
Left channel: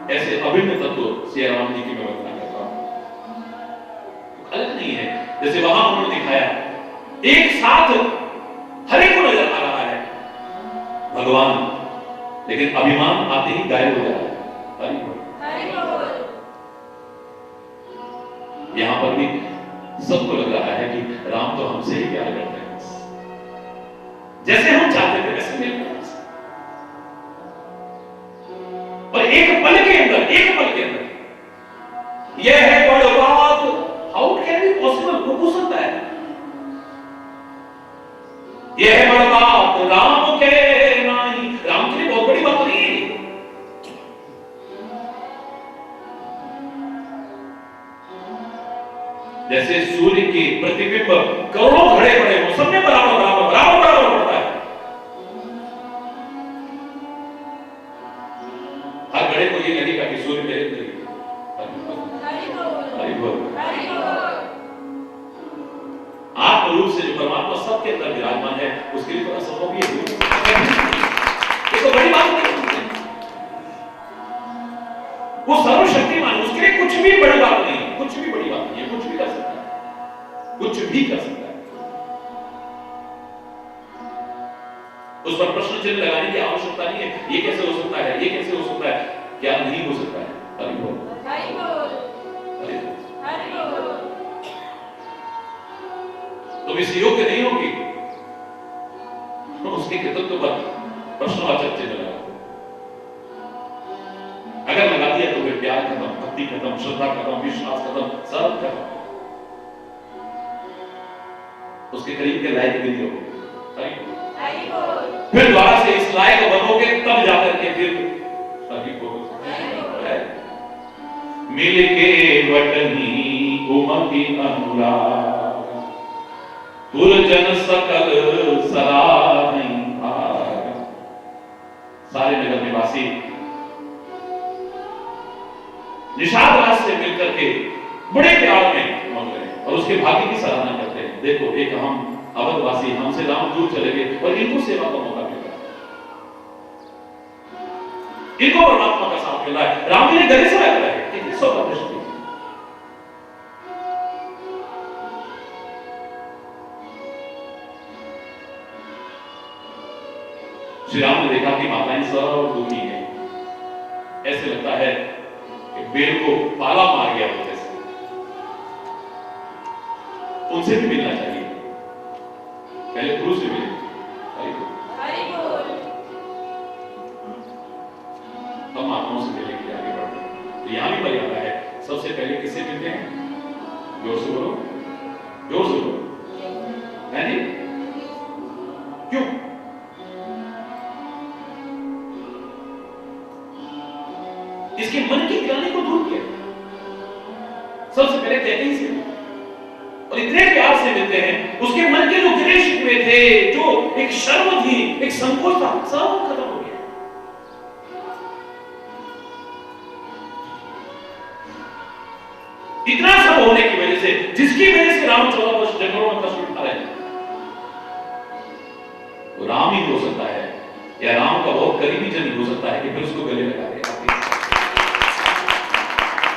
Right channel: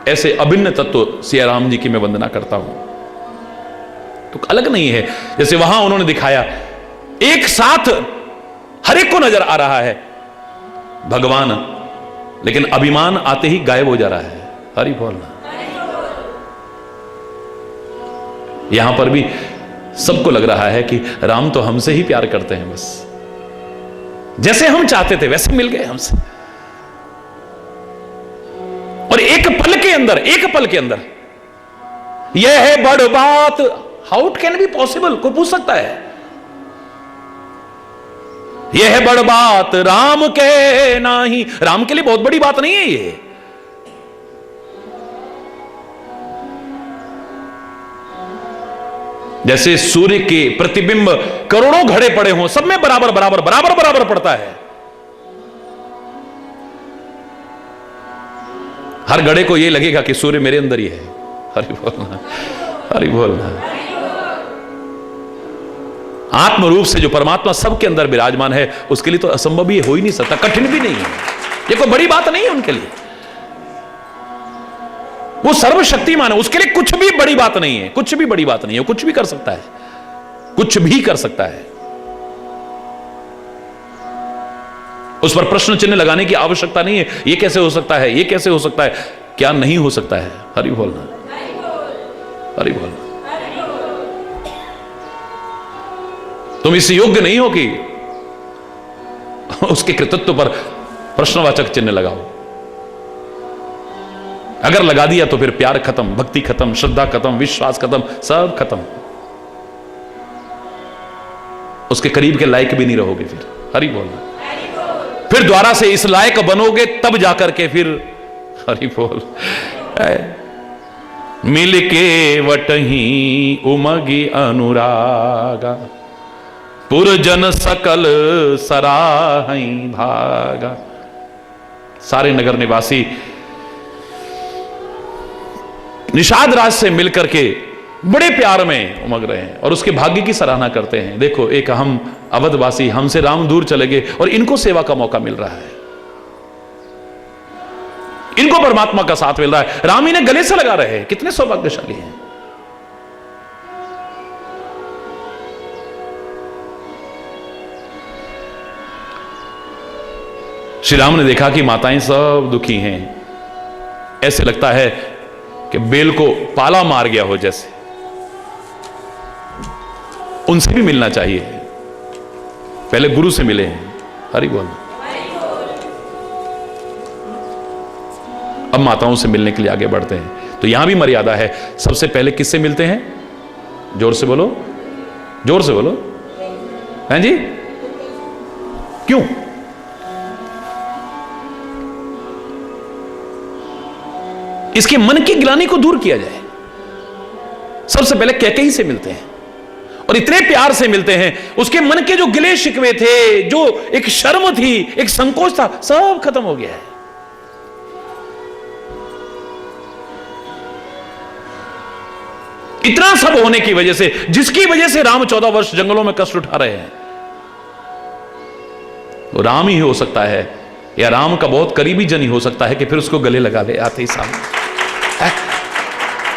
ऐसे अभिन्न तत्व सिया राम जी की मैं वंदना करता हूं। तो अलग नहीं है, जैसे वहां उन्होंने दिखाया एक साथ हर एक को नजर आ रहा है भगवान, लेकिन अभिमान आते ही गायब हो जा रहा है। हरि बोल। यहां पर भी सबको लग रहा है कि राम तो हमसे ही प्यार करते हैं, बस जैसे हम चाहते थे वैसे मिल गए हमसे। और एक पल के अंदर यह है बड़ बात। How it can be possible, को पूछ सकता है। यह है बड़ बात राम के नाही, राम के लिए बहुत बड़ी बात नहीं है ये। जैसे सूर्य के प्रतिबिंब करोड़ों घड़े पड़े हों, सब में बराबर बराबर बराबर बराबर पड़ता है। हर घड़े को यह लगेगा कि सूर्य मेरे अंदर ही है। हरि बोलना, हरि बोलना। आत्म रूप से जो परमात्मा सबके अंदर विराजमान है, उसके लिए तो असंभव ही हो ही नहीं सकता, कठिन भी नहीं है। ये कोई बड़ी बात नहीं है उनके लिए। वो सर्वशक्तिमान है, उसके लिए कुछ भी बड़ी बात नहीं है, कुछ भी बड़ी बात नहीं है। कुछ भी कर सकता है, कुछ भी कर सकता है। उस पर प्रश्न चिन्ह लगाने की आवश्यकता नहीं है। ये कैसे हो सकता है, ये कैसे हो सकता है, क्या नहीं हो सकता है। हरि बोलना, हरि बोलना। तुम इस योग्य नहीं हो कि उसके कृतित्व पर प्रश्नवाचक चिन्ह लगाओ। अगर लगा दिया तो फिर प्यार खत्म, भक्ति खत्म, श्रद्धा खत्म, विश्वास खत्म, सब खत्म। उसके करीब के लायक भी नहीं रहोगे फिर। हरि बोल। फिर द्वारा से इस लायक बनोगे तब जाकर के फिर हरि बोल। मिल के वटही उमगी अनुरागा, पुरजन सकल सराहई भागा। सारे नगर निवासी निषाद राज से मिलकर के बड़े प्यार में उमग रहे हैं और उसके भाग्य की सराहना करते हैं। देखो, एक हम अवधवासी, हमसे राम दूर चले गए और इनको सेवा का मौका मिल रहा है, इनको परमात्मा का साथ मिल रहा है, राम इन्हें गले से लगा रहे हैं। कितने सौभाग्यशाली हैं। श्री राम ने देखा कि माताएं सब दुखी हैं, ऐसे लगता है कि बेल को पाला मार गया हो जैसे, उनसे भी मिलना चाहिए। पहले गुरु से मिले हैं। हरि बोल। अब माताओं से मिलने के लिए आगे बढ़ते हैं। तो यहां भी मर्यादा है। सबसे पहले किससे मिलते हैं? जोर से बोलो, जोर से बोलो। हैं जी? क्यों? इसके मन की ग्लानि को दूर किया जाए। सबसे पहले कैकेयी से मिलते हैं और इतने प्यार से मिलते हैं, उसके मन के जो गिले शिकवे थे, जो एक शर्म थी, एक संकोच था, सब खत्म हो गया है। इतना सब होने की वजह से, जिसकी वजह से राम 14 वर्ष जंगलों में कष्ट उठा रहे हैं, वो राम ही हो सकता है, या राम का बहुत करीबी जन ही हो सकता है कि फिर उसको गले लगा ले आते ही सामने।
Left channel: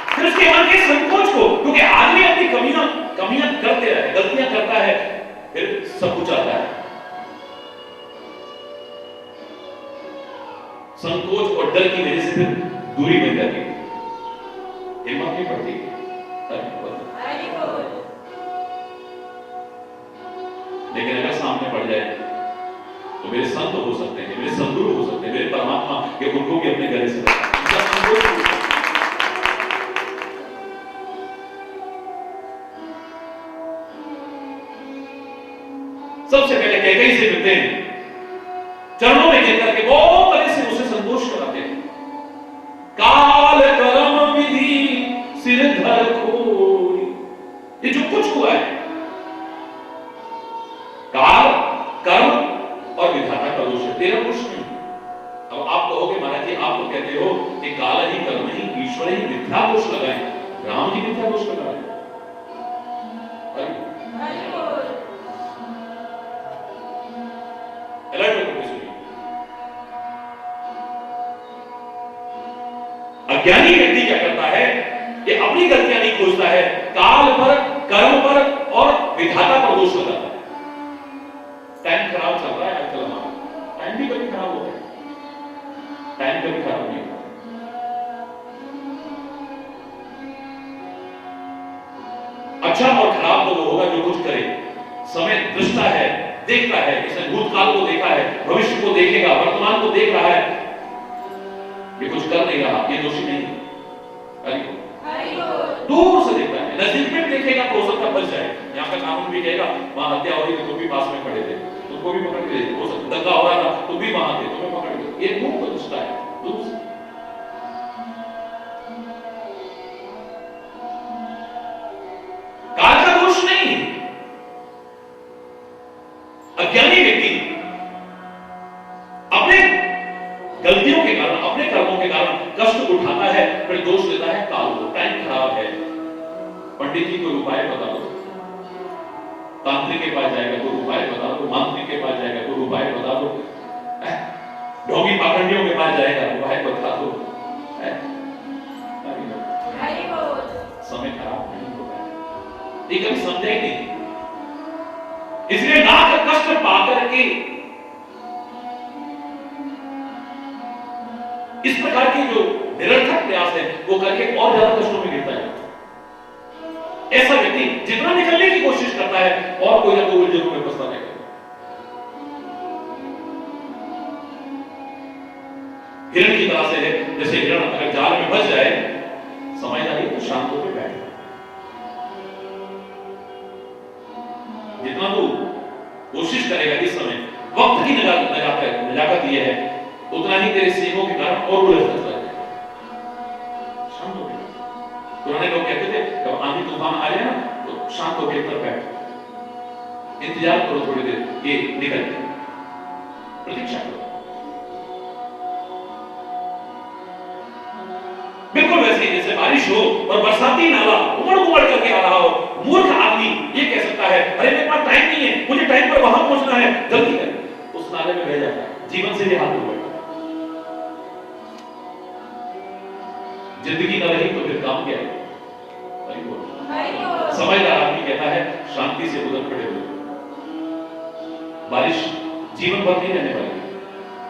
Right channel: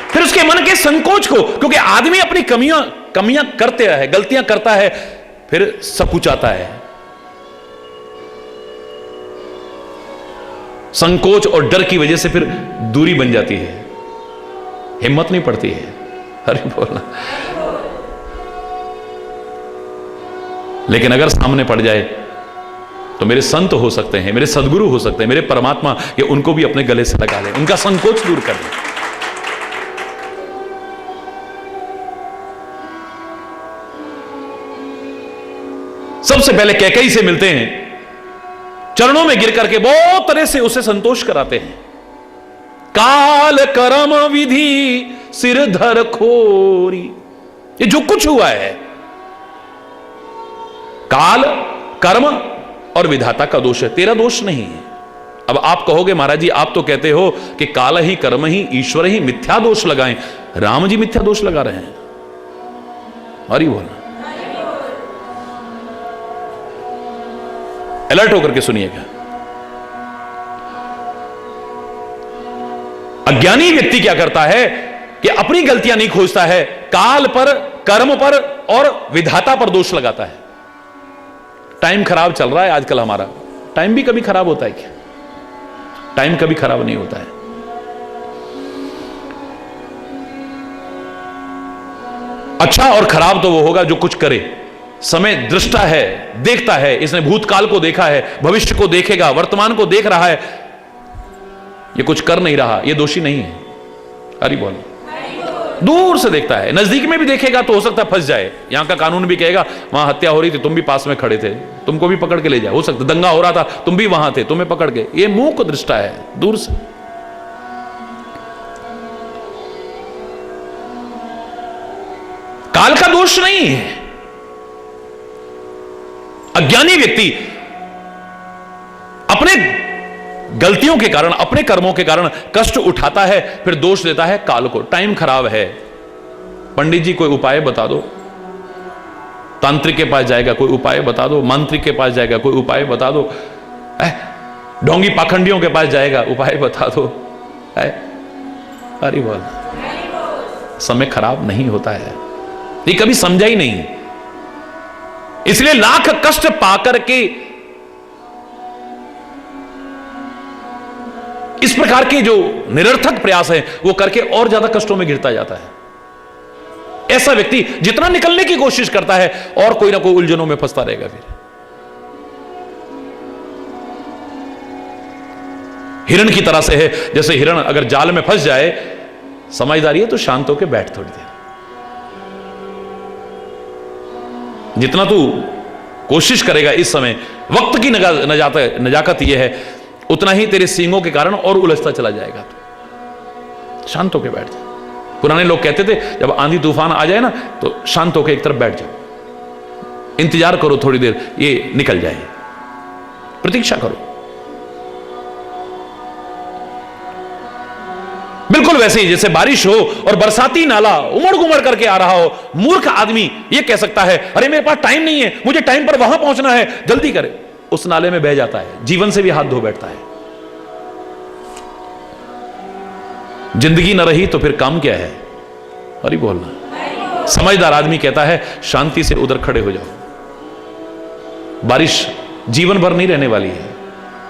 फिर उसके मन के संकोच को, क्योंकि आदमी अपनी कमियां करते है, गलतियां करता है, फिर सब कुछ आता है। संकोच और डर की वजह से फिर दूरी बन जाती है, हिम्मत नहीं पड़ती है। हरि बोलना। लेकिन अगर सामने पड़ जाए तो मेरे संत हो सकते हैं, मेरे सदगुरु हो सकते हैं, मेरे परमात्मा, कि उनको भी अपने गले से लगा ले, उनका संकोच दूर कर दे। सबसे पहले कैकेयी से मिलते हैं, चरणों में गिर करके बहुत तरह से उसे संतोष कराते हैं। काल कर्म विधि सिर धर खोरी, ये जो कुछ हुआ है, काल, कर्म और विधाता का दोष है, तेरा दोष नहीं है। अब आप कहोगे महाराज जी, आप तो कहते हो कि काल ही, कर्म ही, ईश्वर ही मिथ्या दोष लगाएं। राम जी मिथ्या दोष लगा रहे हैं। हरि बोल। अलर्ट होकर के सुनिएगा। अज्ञानी व्यक्ति क्या करता है कि अपनी गलतियां नहीं खोजता है, काल पर, कर्म पर और विधाता पर दोष लगाता है। टाइम खराब चल रहा है आजकल हमारा। टाइम भी कभी खराब होता है क्या? टाइम कभी खराब नहीं होता है। अच्छा और खराब तो वो होगा जो कुछ करे। समय दृष्टा है, देखता है, इसने भूतकाल को देखा है, भविष्य को देखेगा, वर्तमान को देख रहा है, ये कुछ कर नहीं रहा, ये दोषी नहीं है। हरि बोल। दूर से देखता है, नजदीक में भी देखेगा तो हो सकता है फंस जाए। यहां का कानून भी कहेगा वहां हत्या हो रही थी, तुम भी पास में खड़े थे, तुमको भी पकड़ के ले जाए। हो सकता दंगा हो रहा था, तुम भी वहां थे, तुम्हें पकड़ के। ये मुंह को दृष्टा है, दूर से। काल का दोष नहीं है। अज्ञानी व्यक्ति अपने गलतियों के कारण, अपने कर्मों के कारण कष्ट उठाता है, फिर दोष देता है काल को। टाइम खराब है, पंडित जी कोई उपाय बता दो। तांत्रिक के पास जाएगा, कोई उपाय बता दो। मांत्रिक के पास जाएगा, कोई उपाय बता दो। ढोंगी पाखंडियों के पास जाएगा, उपाय बता दो। अरे बोल। समय खराब नहीं होता है, ये कभी समझा ही नहीं। इसलिए लाख कष्ट पाकर के इस प्रकार के जो निरर्थक प्रयास है वो करके और ज्यादा कष्टों में गिरता जाता है। ऐसा व्यक्ति जितना निकलने की कोशिश करता है और कोई ना कोई उलझनों में फंसता रहेगा। फिर हिरण की तरह से है, जैसे हिरण अगर जाल में फंस जाए, समझदारी है तो शांत होकर बैठ थोड़ी देर। जितना तू कोशिश करेगा इस समय, वक्त की नजाकत यह है, उतना ही तेरे सींगों के कारण और उलझता चला जाएगा। शांत होकर बैठ जा। पुराने लोग कहते थे जब आंधी तूफान आ जाए ना तो शांत होकर एक तरफ बैठ जाओ, इंतजार करो थोड़ी देर, ये निकल जाए, प्रतीक्षा करो। बिल्कुल वैसे ही जैसे बारिश हो और बरसाती नाला उमड़ घुमड़ करके आ रहा हो, मूर्ख आदमी ये कह सकता है अरे मेरे पास टाइम नहीं है, मुझे टाइम पर वहां पहुंचना है, जल्दी करे, उस नाले में बह जाता है, जीवन से भी हाथ धो बैठता है। जिंदगी न रही तो फिर काम क्या है? अरे बोलना। समझदार आदमी कहता है शांति से उधर खड़े हो जाओ, बारिश जीवन भर नहीं रहने वाली है,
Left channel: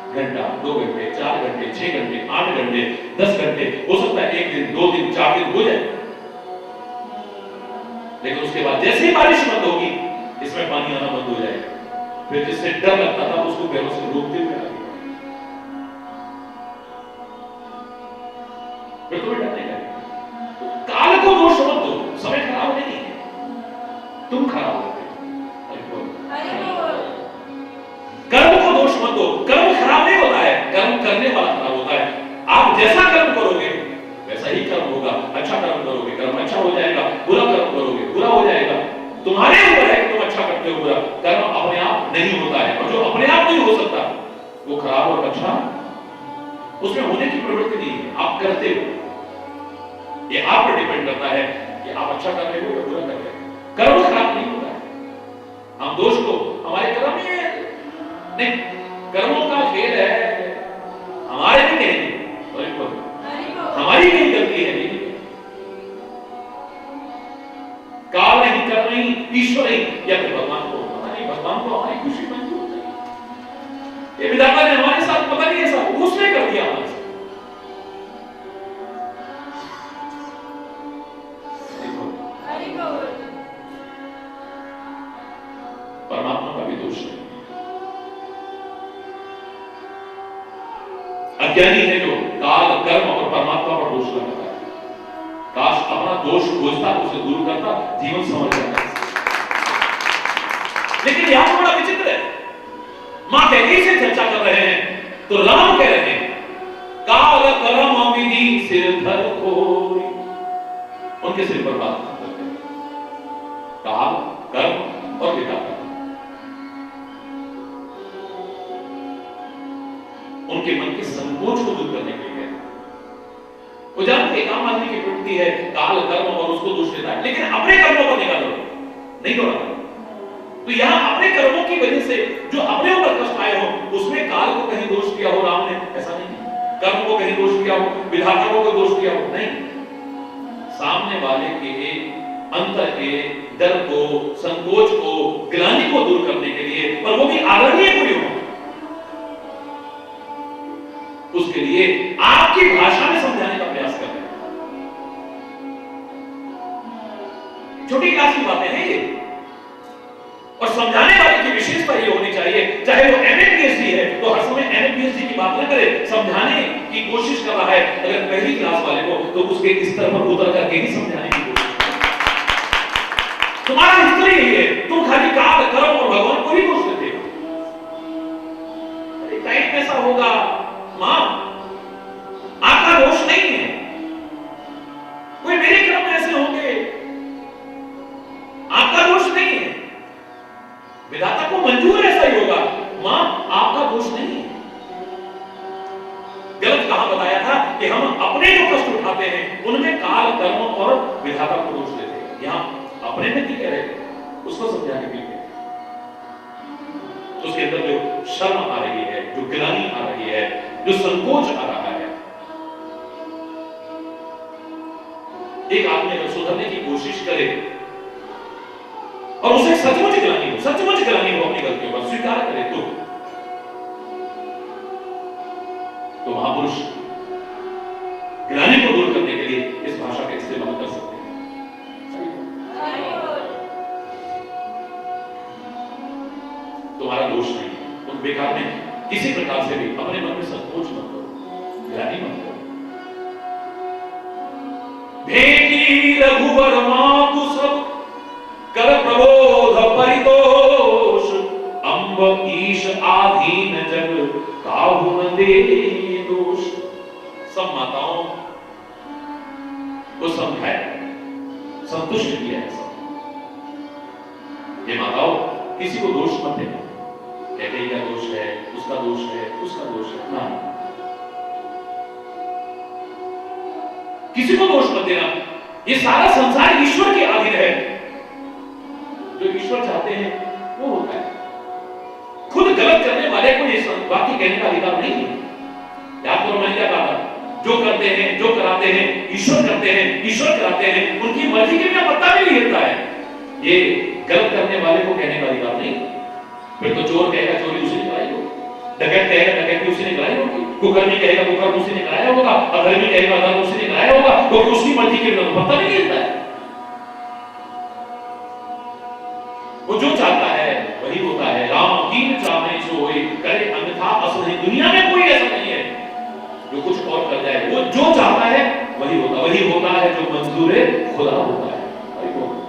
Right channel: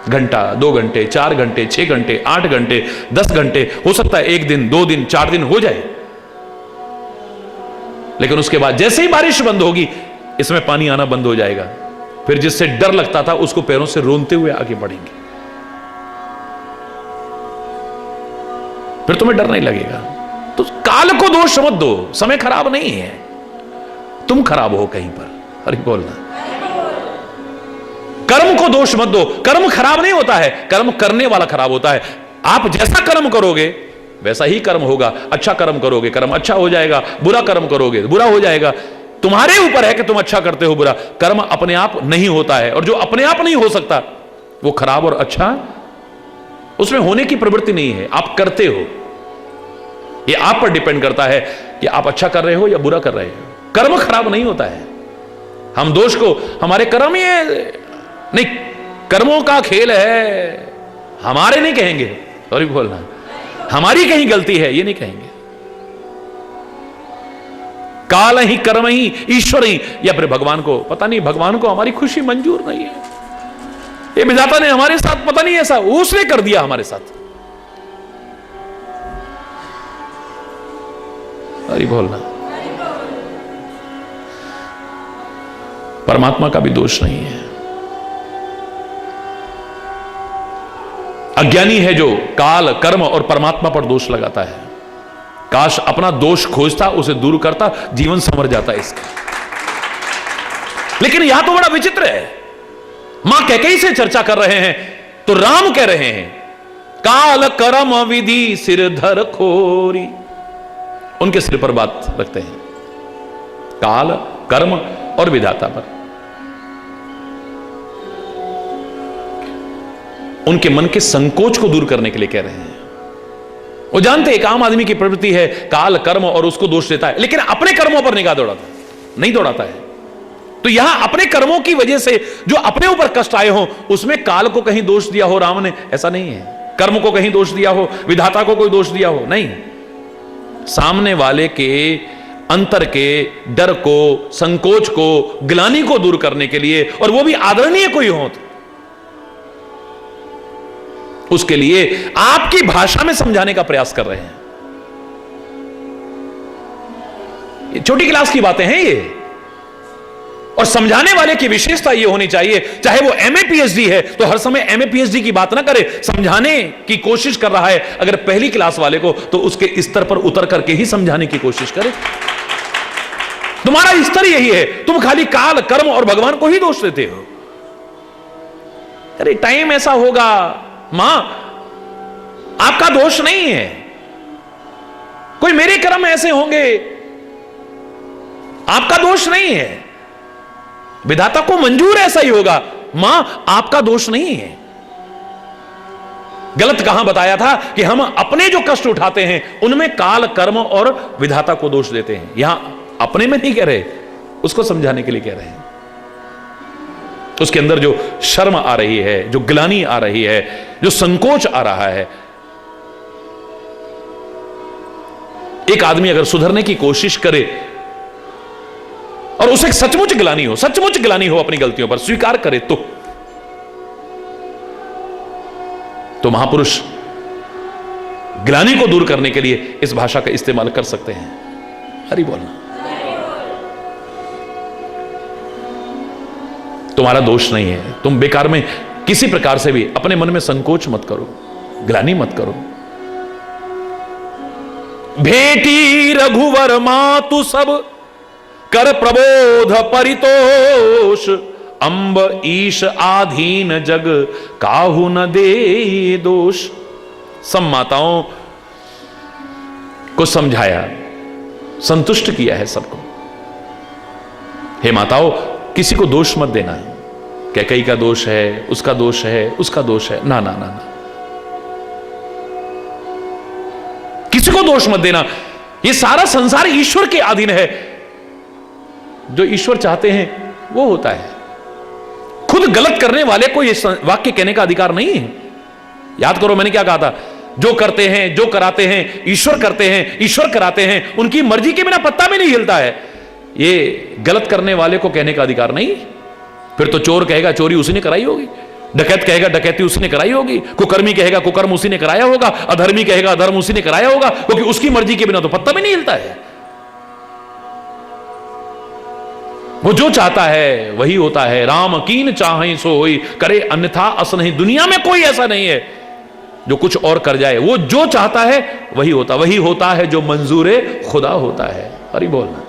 घंटा, 2 घंटे, 4 घंटे, 6 घंटे, 8 घंटे, 10 घंटे, हो सकता है 1 दिन, 2 दिन, 4 दिन हो जाए, लेकिन उसके बाद जैसे ही बारिश बंद होगी इसमें पानी आना बंद हो जाएगा। फिर जिससे डर लगता था उसको पैरों से रोनते हुए आगे बढ़ेंगे, फिर तुम्हें डर नहीं लगेगा। तो काल को दोष मत दो, समय खराब नहीं है, तुम खराब हो कहीं पर। अरे बोलना। कर्म को दोष मत दो, कर्म खराब नहीं होता है, कर्म करने वाला खराब होता है। आप जैसा कर्म करोगे वैसा ही कर्म होगा। अच्छा कर्म करोगे कर्म अच्छा हो जाएगा, बुरा कर्म करोगे बुरा हो जाएगा। तुम्हारे ऊपर है कि तुम अच्छा करते हो बुरा। कर्म अपने आप नहीं होता है, और जो अपने आप नहीं हो सकता वो खराब और अच्छा उसमें होने की प्रवृत्ति नहीं है, आप करते हो। ये आप पर डिपेंड करता है कि आप अच्छा कर रहे हो या बुरा कर रहे हो। कर्म खराब नहीं होता है। हम दोष को हमारे कर्म ही नहीं, कर्मों का खेल है, हमारे नहीं कहेंगे, सॉरी बोलना, हमारी कहीं गलती है ये नहीं कहेंगे। काल ही कर्म ही ईश्वर ही, या फिर भगवान को पता नहीं, भगवान को हमारी खुशी मंजूर नहीं है, ये विधाता ने हमारे साथ पता नहीं ऐसा उसने कर दिया हमारे साथ। अरे बोलना। परमात्मा का भी दोष नहीं है। अज्ञानी है जो काल कर्म और परमात्मा पर दोष लगाता है। काश अपना दोष खोजता, उसे दूर करता, जीवन संवर जाता है इसका। लेकिन यह तो बड़ा विचित्र है। मां कैकेयी से चर्चा कर रहे हैं तो राम कह रहे हैं काल कर्म विधि सिरधर खोरी। उनके सिर पर बात रखते हैं, काल कर्म और विधाता पर। उनके मन के संकोच को दूर करने के लिए कह रहे हैं। वो जानते एक आम आदमी की प्रवृत्ति है काल कर्म और उसको दोष देता है, लेकिन अपने कर्मों पर निगाह दौड़ाता नहीं दौड़ाता है। तो यहां अपने कर्मों की वजह से जो अपने ऊपर कष्ट आए हो उसमें काल को कहीं दोष दिया हो राम ने, ऐसा नहीं है। कर्म को कहीं दोष दिया हो, विधाता को कोई दोष दिया हो, नहीं। सामने वाले के अंतर के डर को, संकोच को, ग्लानि को दूर करने के लिए, और वो भी आदरणीय कोई हो तो उसके लिए आपकी भाषा में समझाने का प्रयास कर रहे हैं। ये छोटी क्लास की बातें हैं ये, और समझाने वाले की विशेषता ये होनी चाहिए, चाहे वो एमए पीएचडी है तो हर समय एमए पीएचडी की बात ना करे, समझाने की कोशिश कर रहा है अगर पहली क्लास वाले को तो उसके स्तर पर उतर करके ही समझाने की कोशिश करे। तुम्हारा स्तर यही है, तुम खाली काल कर्म और भगवान को ही दोष देते हो। अरे टाइम ऐसा होगा, मां आपका दोष नहीं है, कोई मेरे कर्म ऐसे होंगे, आपका दोष नहीं है, विधाता को मंजूर ऐसा ही होगा, मां आपका दोष नहीं है। गलत कहां बताया था कि हम अपने जो कष्ट उठाते हैं उनमें काल कर्म और विधाता को दोष देते हैं। यहां अपने में नहीं कह रहे, उसको समझाने के लिए कह रहे हैं। उसके अंदर जो शर्म आ रही है, जो ग्लानि आ रही है, जो संकोच आ रहा है, एक आदमी अगर सुधरने की कोशिश करे और उसे सचमुच ग्लानि हो, सचमुच ग्लानि हो अपनी गलतियों पर, स्वीकार करे तो महापुरुष ग्लानि को दूर करने के लिए इस भाषा का इस्तेमाल कर सकते हैं। हरि बोलना। तुम्हारा दोष नहीं है, तुम बेकार में किसी प्रकार से भी अपने मन में संकोच मत करो। ग्लानि मत करो। भेटी रघुवर मातु सब कर प्रबोध परितोष, अंब ईश आधीन जग काहू न दे दोष। सब माताओं को समझाया, संतुष्ट किया है सबको। हे माताओं, किसी को दोष मत देना। कैकेयी का दोष है, उसका दोष है, उसका दोष है, ना ना ना ना, किसी को दोष मत देना। ये सारा संसार ईश्वर के अधीन है। जो ईश्वर चाहते हैं वो होता है। खुद गलत करने वाले को ये वाक्य कहने का अधिकार नहीं है। याद करो मैंने क्या कहा था, जो करते हैं, जो कराते हैं, ईश्वर करते हैं, ईश्वर कराते हैं, उनकी मर्जी के बिना पत्ता भी नहीं हिलता है। ये गलत करने वाले को कहने का अधिकार नहीं। फिर तो चोर कहेगा चोरी उसी ने कराई होगी, डकैत कहेगा डकैती उसी ने कराई होगी, कुकर्मी कहेगा कुकर्म उसी ने कराया होगा, अधर्मी कहेगा अधर्म उसी ने कराया होगा, क्योंकि उसकी मर्जी के बिना तो पत्ता भी नहीं हिलता है। वो जो चाहता है वही होता है। राम कीन चाहे सो होई, करे अन्यथा अस नहीं। दुनिया में कोई ऐसा नहीं है जो कुछ और कर जाए। वो जो चाहता है वही होता है जो मंजूर खुदा होता है। हरि बोल।